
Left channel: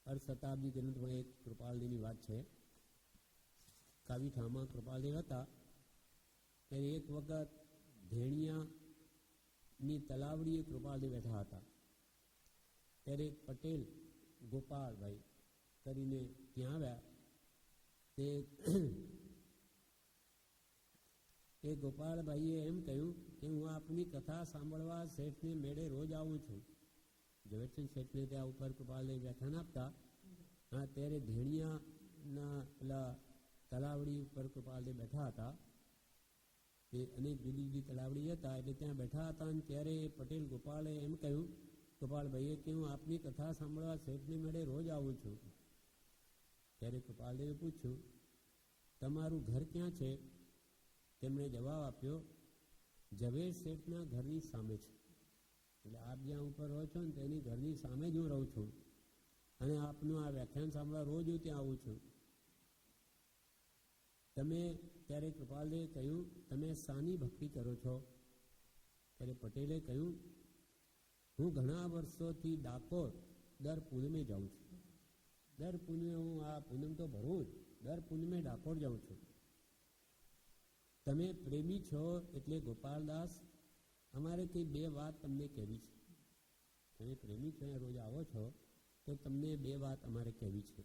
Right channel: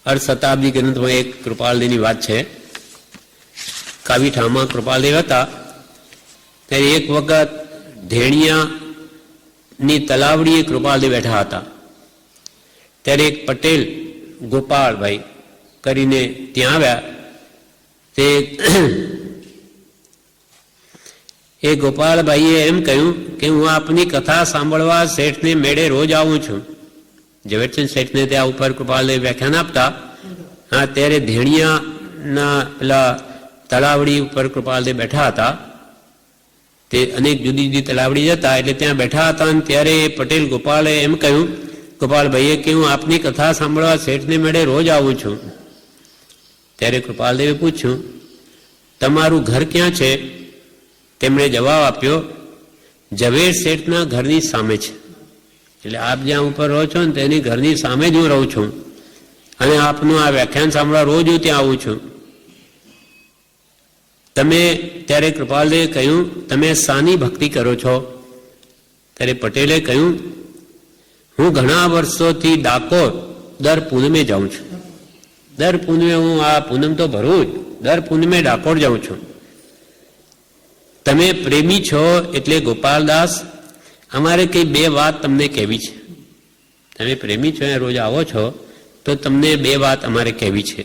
અર્ધ શતાબ્દી ગ્રંથમાં એક કૃપાલદેવની વાત છે. કાવીઠામાં કૃપાલદેવ હતા ત્યારે એક વખત ધેણિયાની તલાવડીએ કૃપાલદેવ બેઠા હતા. ત્યારે એક પટેલ ગોપાળભાઈ કરીને ત્યાં આવ્યા. તે એ ગોપાલભાઈએ એમ કહ્યું કે હું આપની કથા સાંભળવા શેઠને મેળે રોજ આવું છું. ઝવેરચંદ શેઠને ત્યાં ઉપર કૃપાલદેવ વ્યાખ્યાન આપતા, હા, ત્યારે ધેણિયાના પેલા તળાવડી ઉપર કૃપાલદેવ બેઠા હતા. તે અનેક જુદી જુદી તળાવડી જતા એટલે ત્યાં બેઠા હતા. અને ત્યારે પટેલ ગોપાલે એમ કહ્યું, ગોપાલભાઈએ કે હું આપની કથા સાંભળવા શેઠને મેળે રોજ આવું છું. ત્યારે કૃપાલદેવે પૂછ્યું, તમારું ઘર ક્યાં છે? તેમણે જવાબ આપ્યો, ઝવેર શેઠના ઘરની સામે છે. એટલે આપ જ્યાં ઉપર રહો છો ને તેની ઘરની સામે જ હું રહું છું, અને આપનું આ વ્યાખ્યાન સાંભળવા રોજ હું ત્યાં આવું છું. તમે, ત્યારે કૃપાલદેવે કહ્યું, તમે શાની ભક્તિ કરો છો? ત્યારે પટેલે કહ્યું, હું ઘણા વર્ષોથી ડાકોર દર પૂનમે જાઉં છું. દર પૂનમે, હું આ પૂનમ તો ભરું જ, દર પૂનમે ડાકોર જાઉં છું. તમે પ્રેમી છો એટલે ગોપાલદાસ, અમારે કઈ બે વાત તમને કહેવી છે. તમે પ્રેમી છો, રોજ આવો છો, તો તમને બે વાત અમારે કહેવી છે.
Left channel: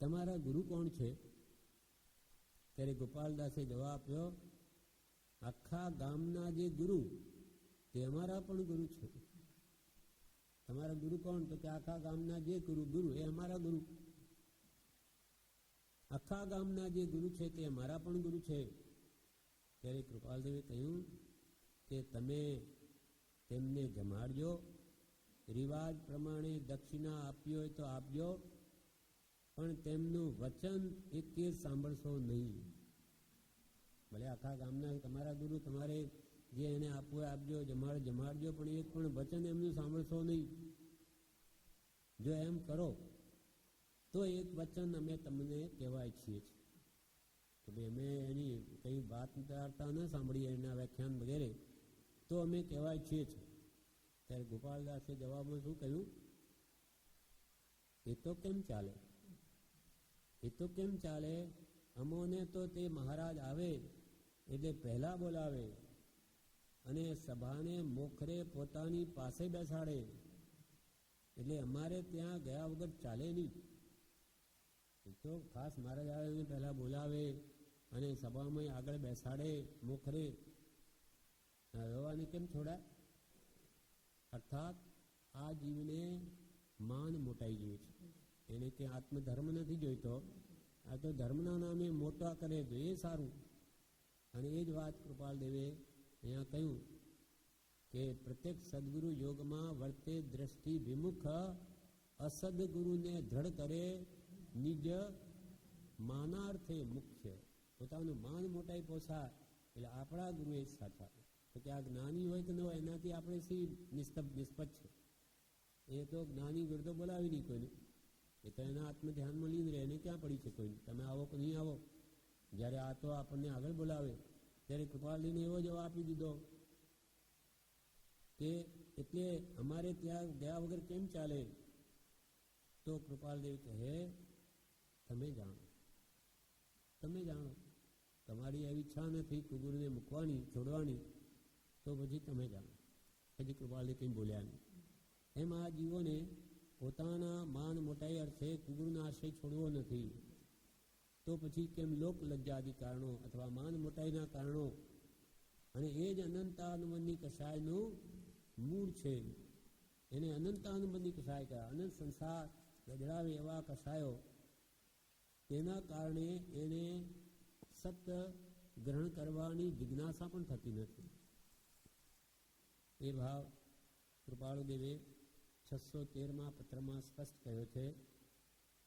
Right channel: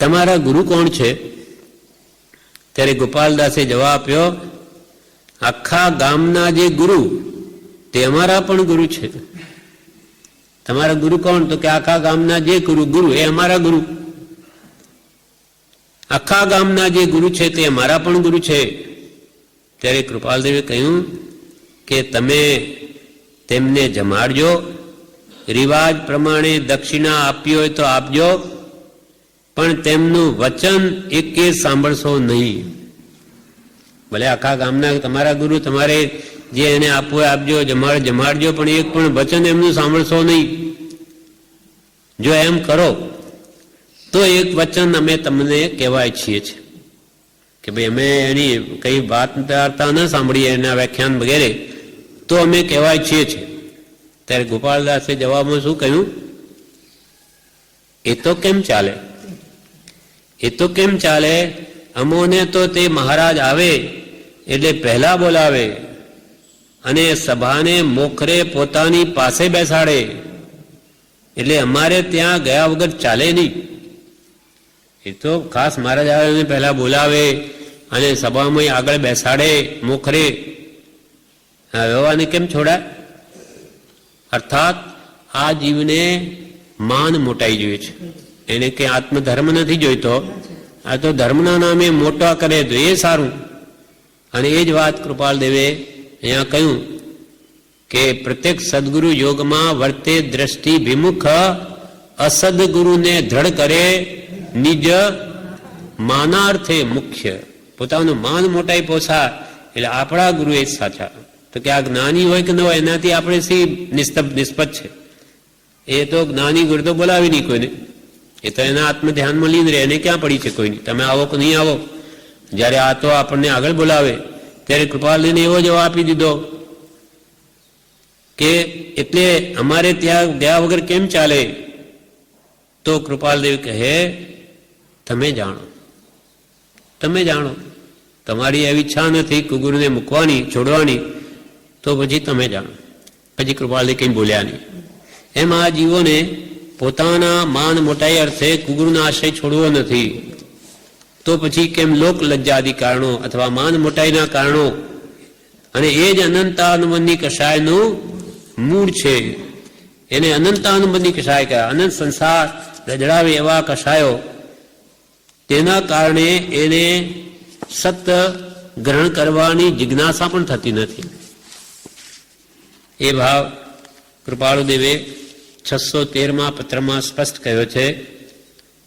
તમારા ગુરુ કોણ છે? ત્યારે ગોપાલદાસે જવાબ આપ્યો, આખા ગામના જે ગુરુ તે અમારા પણ ગુરુ છે. તમારા ગુરુ કોણ? તો કે આખા ગામના જે ગુરુ એ અમારા ગુરુ. આખા ગામના જે ગુરુ છે તે અમારા પણ ગુરુ છે. ત્યારે કૃપાલદેવે કહ્યું કે તમે તેમને જમાડજો, રિવાજ પ્રમાણે દક્ષિણા આપી હોય તો આપજો, પણ તેમનું વચન એકે સાંભળશો નહીં. ભલે આખા ગામના તમારા ગુરુ, તમારે જે એને આપવું હોય આપજો, જમાડજો, પણ એક પણ વચન એમનું સાંભળશો નહીં. જો એમ કરો તો એક વચન અમે તમને કહેવાય છીએ કે ભાઈ અમે એની કઈ વાત વાર્તા ન સાંભળીએ, એના વ્યાખ્યાન વગેરે, તો અમે કહેવાય છીએ. ત્યારે ગોપાલદાસે જવાબમાં શું કહ્યું? એ તો કેમ ચાલે? એ તો કેમ ચાલે? અમોને તો તે મહારાજ આવે એટલે પહેલા બોલાવે અને સભાને મોખરે પોતાની પાસે બેસાડે, એટલે અમારે ત્યાં ગયા વગર ચાલે નહીં. એ તો ખાસ મહારાજ આવે પહેલા બોલાવે અને સભામાં આગળ બેસાડે મોખરે. વ્યવહારને કેમ છોડાય? અર્થાત આ જીવને માન મોટાઈ જોઈએ છે, એને કે આત્મધર્મ નથી જોઈતો. આ તો ધર્મના નામે મોટા કરે તો એ સારું. અને એ જ વાત કૃપાલદેવે અહીંયા કહ્યું કે પ્રત્યેક સદગુરુ યોગમાં વર્તે દ્રષ્ટિ વિમુખ, અસદગુરુને દ્રઢ કરે નિજ માનાર્થે મુખ્ય. પોતાનું માન મોટાઈ પોસા એટલે આપણા ગુરુ એ સાચા. તો કે આ જ્ઞાની હોય કે ન હોય એનાથી આપણે સી નિષ્પત છે. એ તો જ્ઞાની ગુરુ તો બોલાવી નહીં કોઈને, એ તો એના આત્મ ધ્યાનમાં લીન રહે, એને ક્યાં પડી છે કોઈની. તમે આવો કે નહીં આવો. જ્યારે આ તો આપણને આગળ બોલાવે ત્યારે કૃપાલજીને એવો જવાબ આપી દીધો કે એટલે અમારે ત્યાં ગયા વગર કેમ ચાલે? તો કૃપાલદેવ કહે, તમે જાણો, તમે જાણો. તમારી એવી ઈચ્છા નથી કુગુરુને મૂકવાની, છોડવાની, તો પછી તમે જાણો. પછી કૃપાલદેવ કંઈ બોલ્યા નહીં. એમ આ જીવોને પોતાના માન મોટાઈ અર્થે કુગુરુના આશ્રય છોડવો નથી. તો પછી કેમ લોક લજ્જાદી કારણો અથવા માન મોટાઈના કારણો, અને એ જ અનંતાનુબંધી કષાયનું મૂળ છે. એને અનંતાનુબંધી કષાય કહે. અનંત સંસાર રજડાવે એવા કષાયો, તેના કારણે એને સત્ય ગ્રહણ કરવાની જિજ્ઞાસા પણ થતી નથી. એ ભાવ કૃપાળુદેવે 613માં પત્રમાં સ્પષ્ટ કહ્યો છે.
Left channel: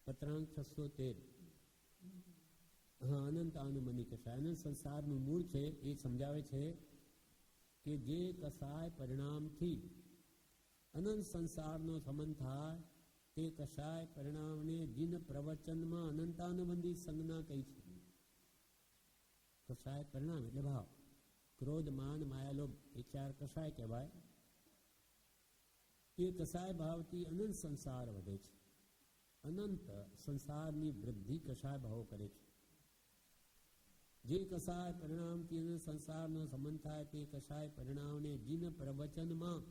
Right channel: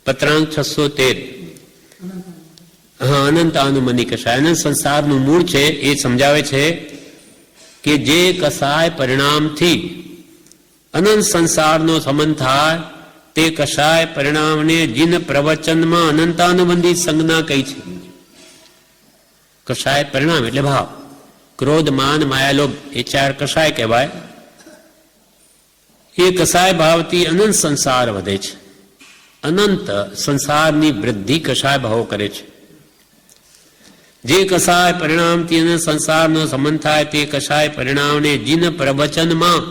પત્રાંક 613. હા, અનંત અનુમની કષાય, અનંત સંસારનું મૂળ છે. એ સમજાવે છે કે જે કષાય પરિણામથી અનંત સંસારનો સંબંધ થાય તે કષાય પરિણામને જીન પ્રવચનમાં અનંતાનુબંધી સંજ્ઞા કહી છે. કષાય પરિણામ એટલે ભાવ. ક્રોધ, માન, માયા, લોભ એ 4 કષાય કહેવાય. એ કષાય ભાવથી અનંત સંસાર વધે છે. અનંત સંસારની વૃદ્ધિ કષાય ભાવો કરે છે. જે કષાય પરિણામથી અનંત સંસારનો સંબંધ થાય તે કષાય પરિણામને જીન પ્રવચનમાં,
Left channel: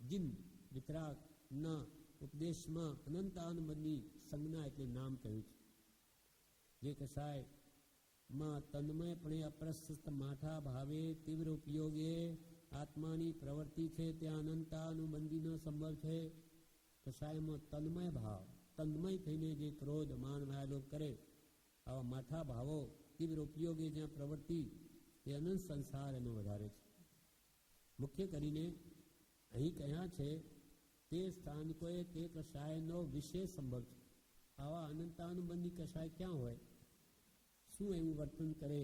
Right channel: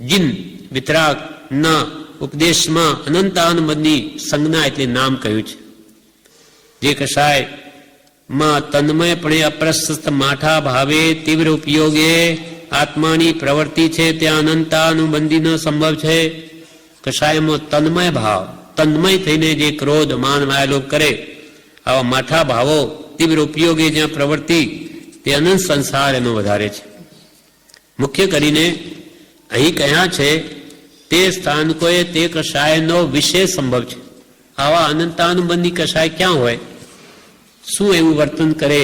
જીન વિતરાગના ઉપદેશમાં અનંતાનુબંધી સંજ્ઞા એટલે નામ કહ્યું છે. જે કષાય માં તન્મયપણે અપ્રશસ્ત માઠા ભાવે તીવ્ર ઉપયોગે આત્માની પ્રવૃત્તિ છે ત્યાં અનંતાનુબંધીનો સંભવ છે. કષાયમાં તન્મય ભાવ, તન્મય થઈને જે ક્રોધ માન માયાલોભ કરે, આવા માઠા ભાવો તીવ્ર ઉપયોગે જ્યાં પ્રવૃત્તિ, તે અનંત સંસાર એનો વધારે છે. મુખ્ય કરીને અહીં કહ્યા છે તે સ્થાનકોએ તે કષાયનો વિશેષ સંભવ છે. આવા અનંતાનુબંધી કષાય ક્યાં હોય? શું એવું વર્તન કરે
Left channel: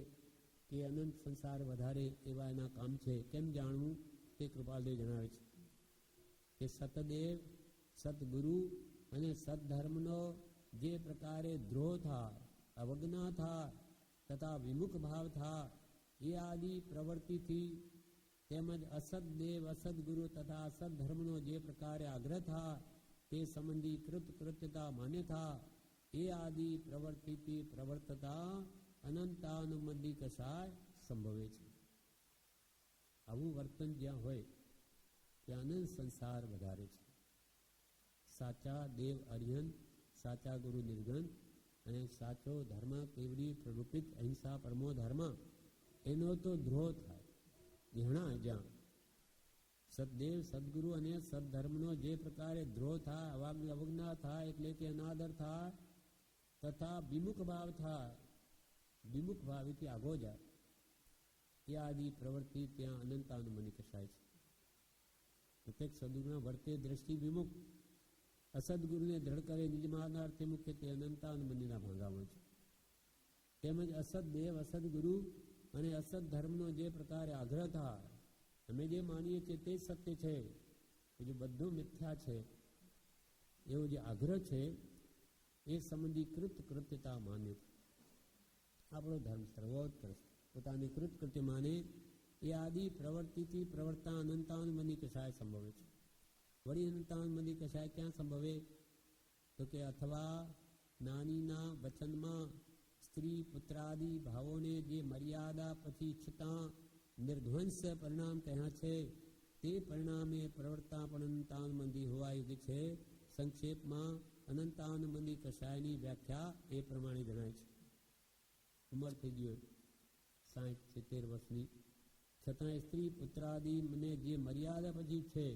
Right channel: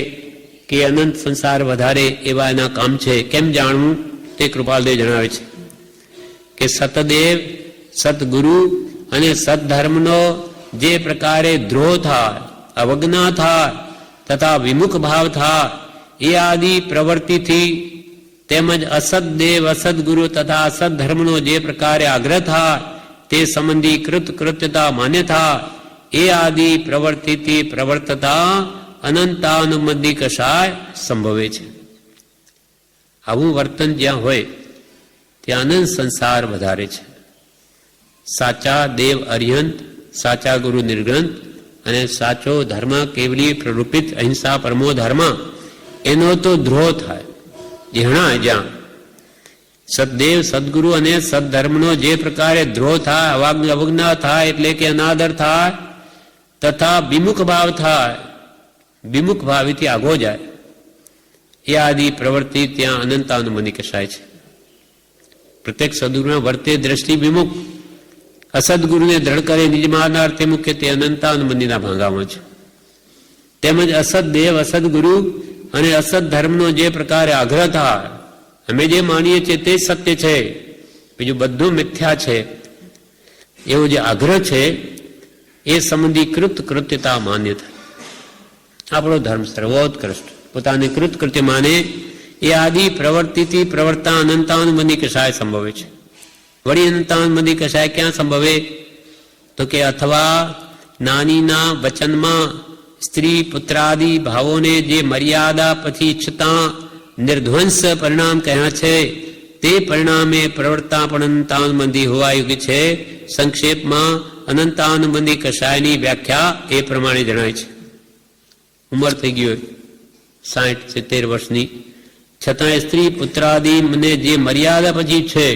કે અનંત સંસાર વધારે એવા એના કામ છે? કેમ જાણવું? તે કૃપાલદેવ જણાવે છે કે સતદેવ, સદગુરુ અને સદધર્મનો જે પ્રકારે દ્રોહ થાય, અવજ્ઞા થાય તથા વિમુખ ભાવ થાય, એ આદિ પ્રવૃત્તિથી તેમજ અસદદેવ, અસદગુરુ તથા અસદધર્મનો જે પ્રકારે આગ્રહ થાય, તે સંબંધી કૃતકૃત્યતા માન્ય થાય, એ આદિ પ્રવૃત્તિથી પ્રવર્તતા અનંતાનુબંધી કષાય સંભવે છે. આવું વર્તન જ્યાં હોય ત્યાં અનંત સંસાર વધારે છે. સાચા દેવ અરિહંત, સાચા ગુરુ નિર્ગ્રંથ અને સાચો ધર્મ કેવલી પ્રરૂપિત અહિંસા પરમો ધર્મ, એનો તો દ્રોહ થાય. જ્યાં સદદેવ, સદગુરુ અને સદધર્મનો જે પ્રકારે દ્રોહ થાય, અવજ્ઞા થાય એટલે કે અનાદર થાય તથા વિમુખ ભાવ થાય, વિમુખ ભાવથી આગો જાય, એ આદિ પ્રવૃત્તિ ત્યાં અનંતાનુબંધી કષાય છે. પ્રત્યેક સદગુરુના વર્તે દ્રષ્ટિ વિમુખ, અસદગુરુને દ્રઢ કરે નિજ મારનાર તે મુખ્ય તે અનંતાનુબંધીના ભાંગામાં છે. તેમજ અસદદેવ, અસદગુરુ અને અસદ ધર્મનો જે પ્રકારે આગ્રહ થાય, અમે જે માનીએ છીએ તે સત્ય છે, બીજું બધું મિથ્યા છે, એવો જે આગ્રહ છે એ સંબંધી કૃતકૃત્યતા માન્ય થાય. આપણો ધર્મ સર્વોત્કૃષ્ટ, પોતાને કૃતકૃત્ય માને, એ આદિ પ્રવૃત્તિથી પ્રવર્તા અનંતાનુબંધી કષાય સંભવે છે. વળી અનંતાનુબંધી કષાય ક્યાં સંભવે? તો કે અથવા નાનીના વચનમાં સ્ત્રી પુત્રાદિ ભાવોને જે મર્યાદા પછી ઈચ્છતા નિર્ધ્વંસ પરિણામ કહ્યા છે, તે પરિણામે પ્રવર્તા પણ અનંતાનુબંધી હોવા યોગ્ય છે. સંક્ષેપમાં અનંતાનુબંધી કષાયની વ્યાખ્યા એ પ્રમાણે જણાય છે. ઉંમર થઈ ગઈ હોય 60-70 વર્ષની, છતાં સ્ત્રી પુત્રાદિ મને જે મર્યાદા પછી છે,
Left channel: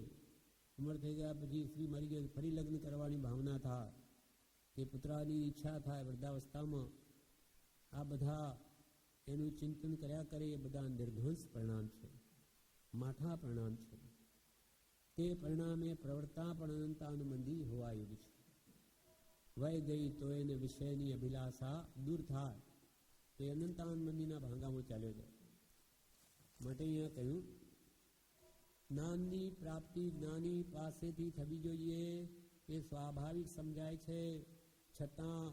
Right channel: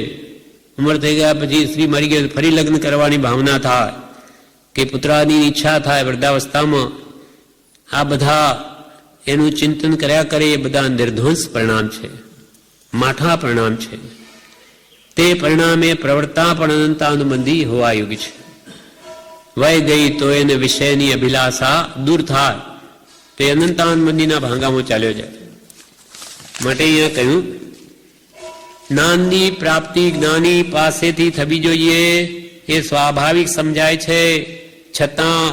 ઉંમર થઈ ગયા પછી સ્ત્રી મરી ગઈ ફરી લગ્ન કરવાની ભાવના થાય કે પુત્રાદિની ઈચ્છા થાય વૃદ્ધાવસ્થામાં, આ બધા એનું ચિંતન કર્યા કરે, એ બધા નિર્ધ્વંસ પરિણામ છે, માઠા પરિણામ છે. તે પરિણામે પ્રવર્તા પણ અનંતાનુબંધી હોવા યોગ્ય છે. વય ગઈ તો એને વિષયની અભિલાષા દૂર થાય, તે અનંતાનુબંધીના ભાંગામાં ચાલ્યો જાય. માટે અહીંયા કહ્યું જ્ઞાનની પ્રાપ્તિ જ્ઞાની પાસેથી થવી જોઈએ, એ સ્વાભાવિક સમજાય છે. છતાં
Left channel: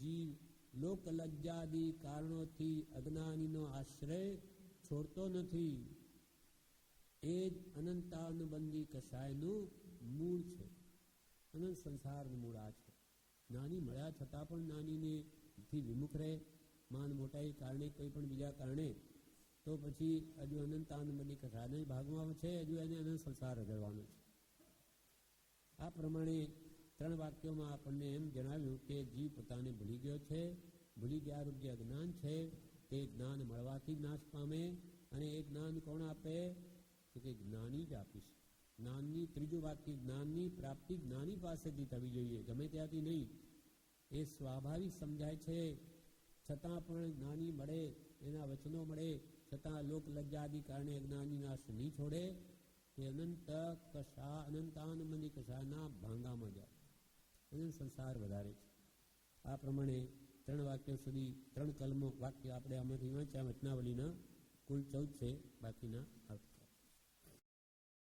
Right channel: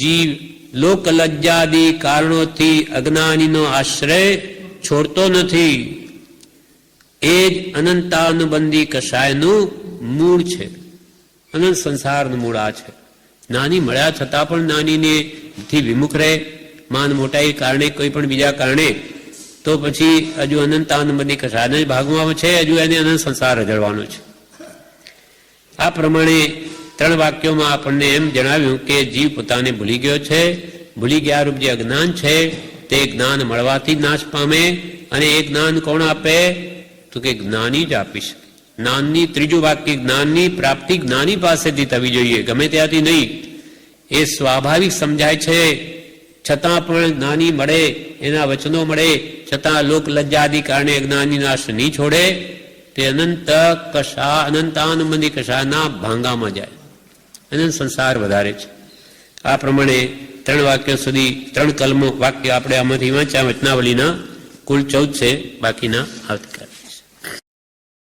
જીવ લોકલજ્જાદી કારણોથી અજ્ઞાનીનો આશ્રય છોડતો નથી. એ જ અનંતાનુબંધી કષાયનું મૂળ છે. અનંત સંસારનું મૂળ આ છે. નાની મળ્યા છતાં પણ નાનીને થી વિમુખ રહે, માન મોટાઈ કારણે, કોઈ પણ બીજા કારણે, તો પછી હજુ અનંતાનુબંધી કષાયના જ ભાગમાં છે, હજુ એને અનંત સંસાર રજળવાનો છે. આ પ્રમાણે 3 વાક્યોમાં આપણને એમ જણાવ્યું કે જીવ પોતાને ભૂલી ગયો છે. ભૂલી ગયા રૂપ જે અજ્ઞાન છે તે જ્ઞાન મળવાથી જ નાશ પામે. અને એ જ્ઞાન કોણ આપે? તો કે જ્ઞાની જ આપી શકે. જ્ઞાનની 3જું વાક્ય, જ્ઞાનની પ્રાપ્તિ જ્ઞાની પાસેથી થવી જોઈએ, ગમે ત્યાંથી નહીં. એ સ્વાભાવિક સમજાય છે. છતાં પણ જ્ઞાની મળે, એના વચનો મળે, છતાં લોક લજ્જાદી કારણે અજ્ઞાની નાશ નહીં છોડે, તે અનંતાનુબંધી કષાના ભાંગામાં જાય. અનંત સંસાર વધારે છે. આ પ્રમાણે 3 વાક્યો સુધી 3 કલમો વાક્ય આપણે આમાંથી વાંચ્યા. વચનાવલીના કુલ 14 છે, બાકીના આવતીકાલે.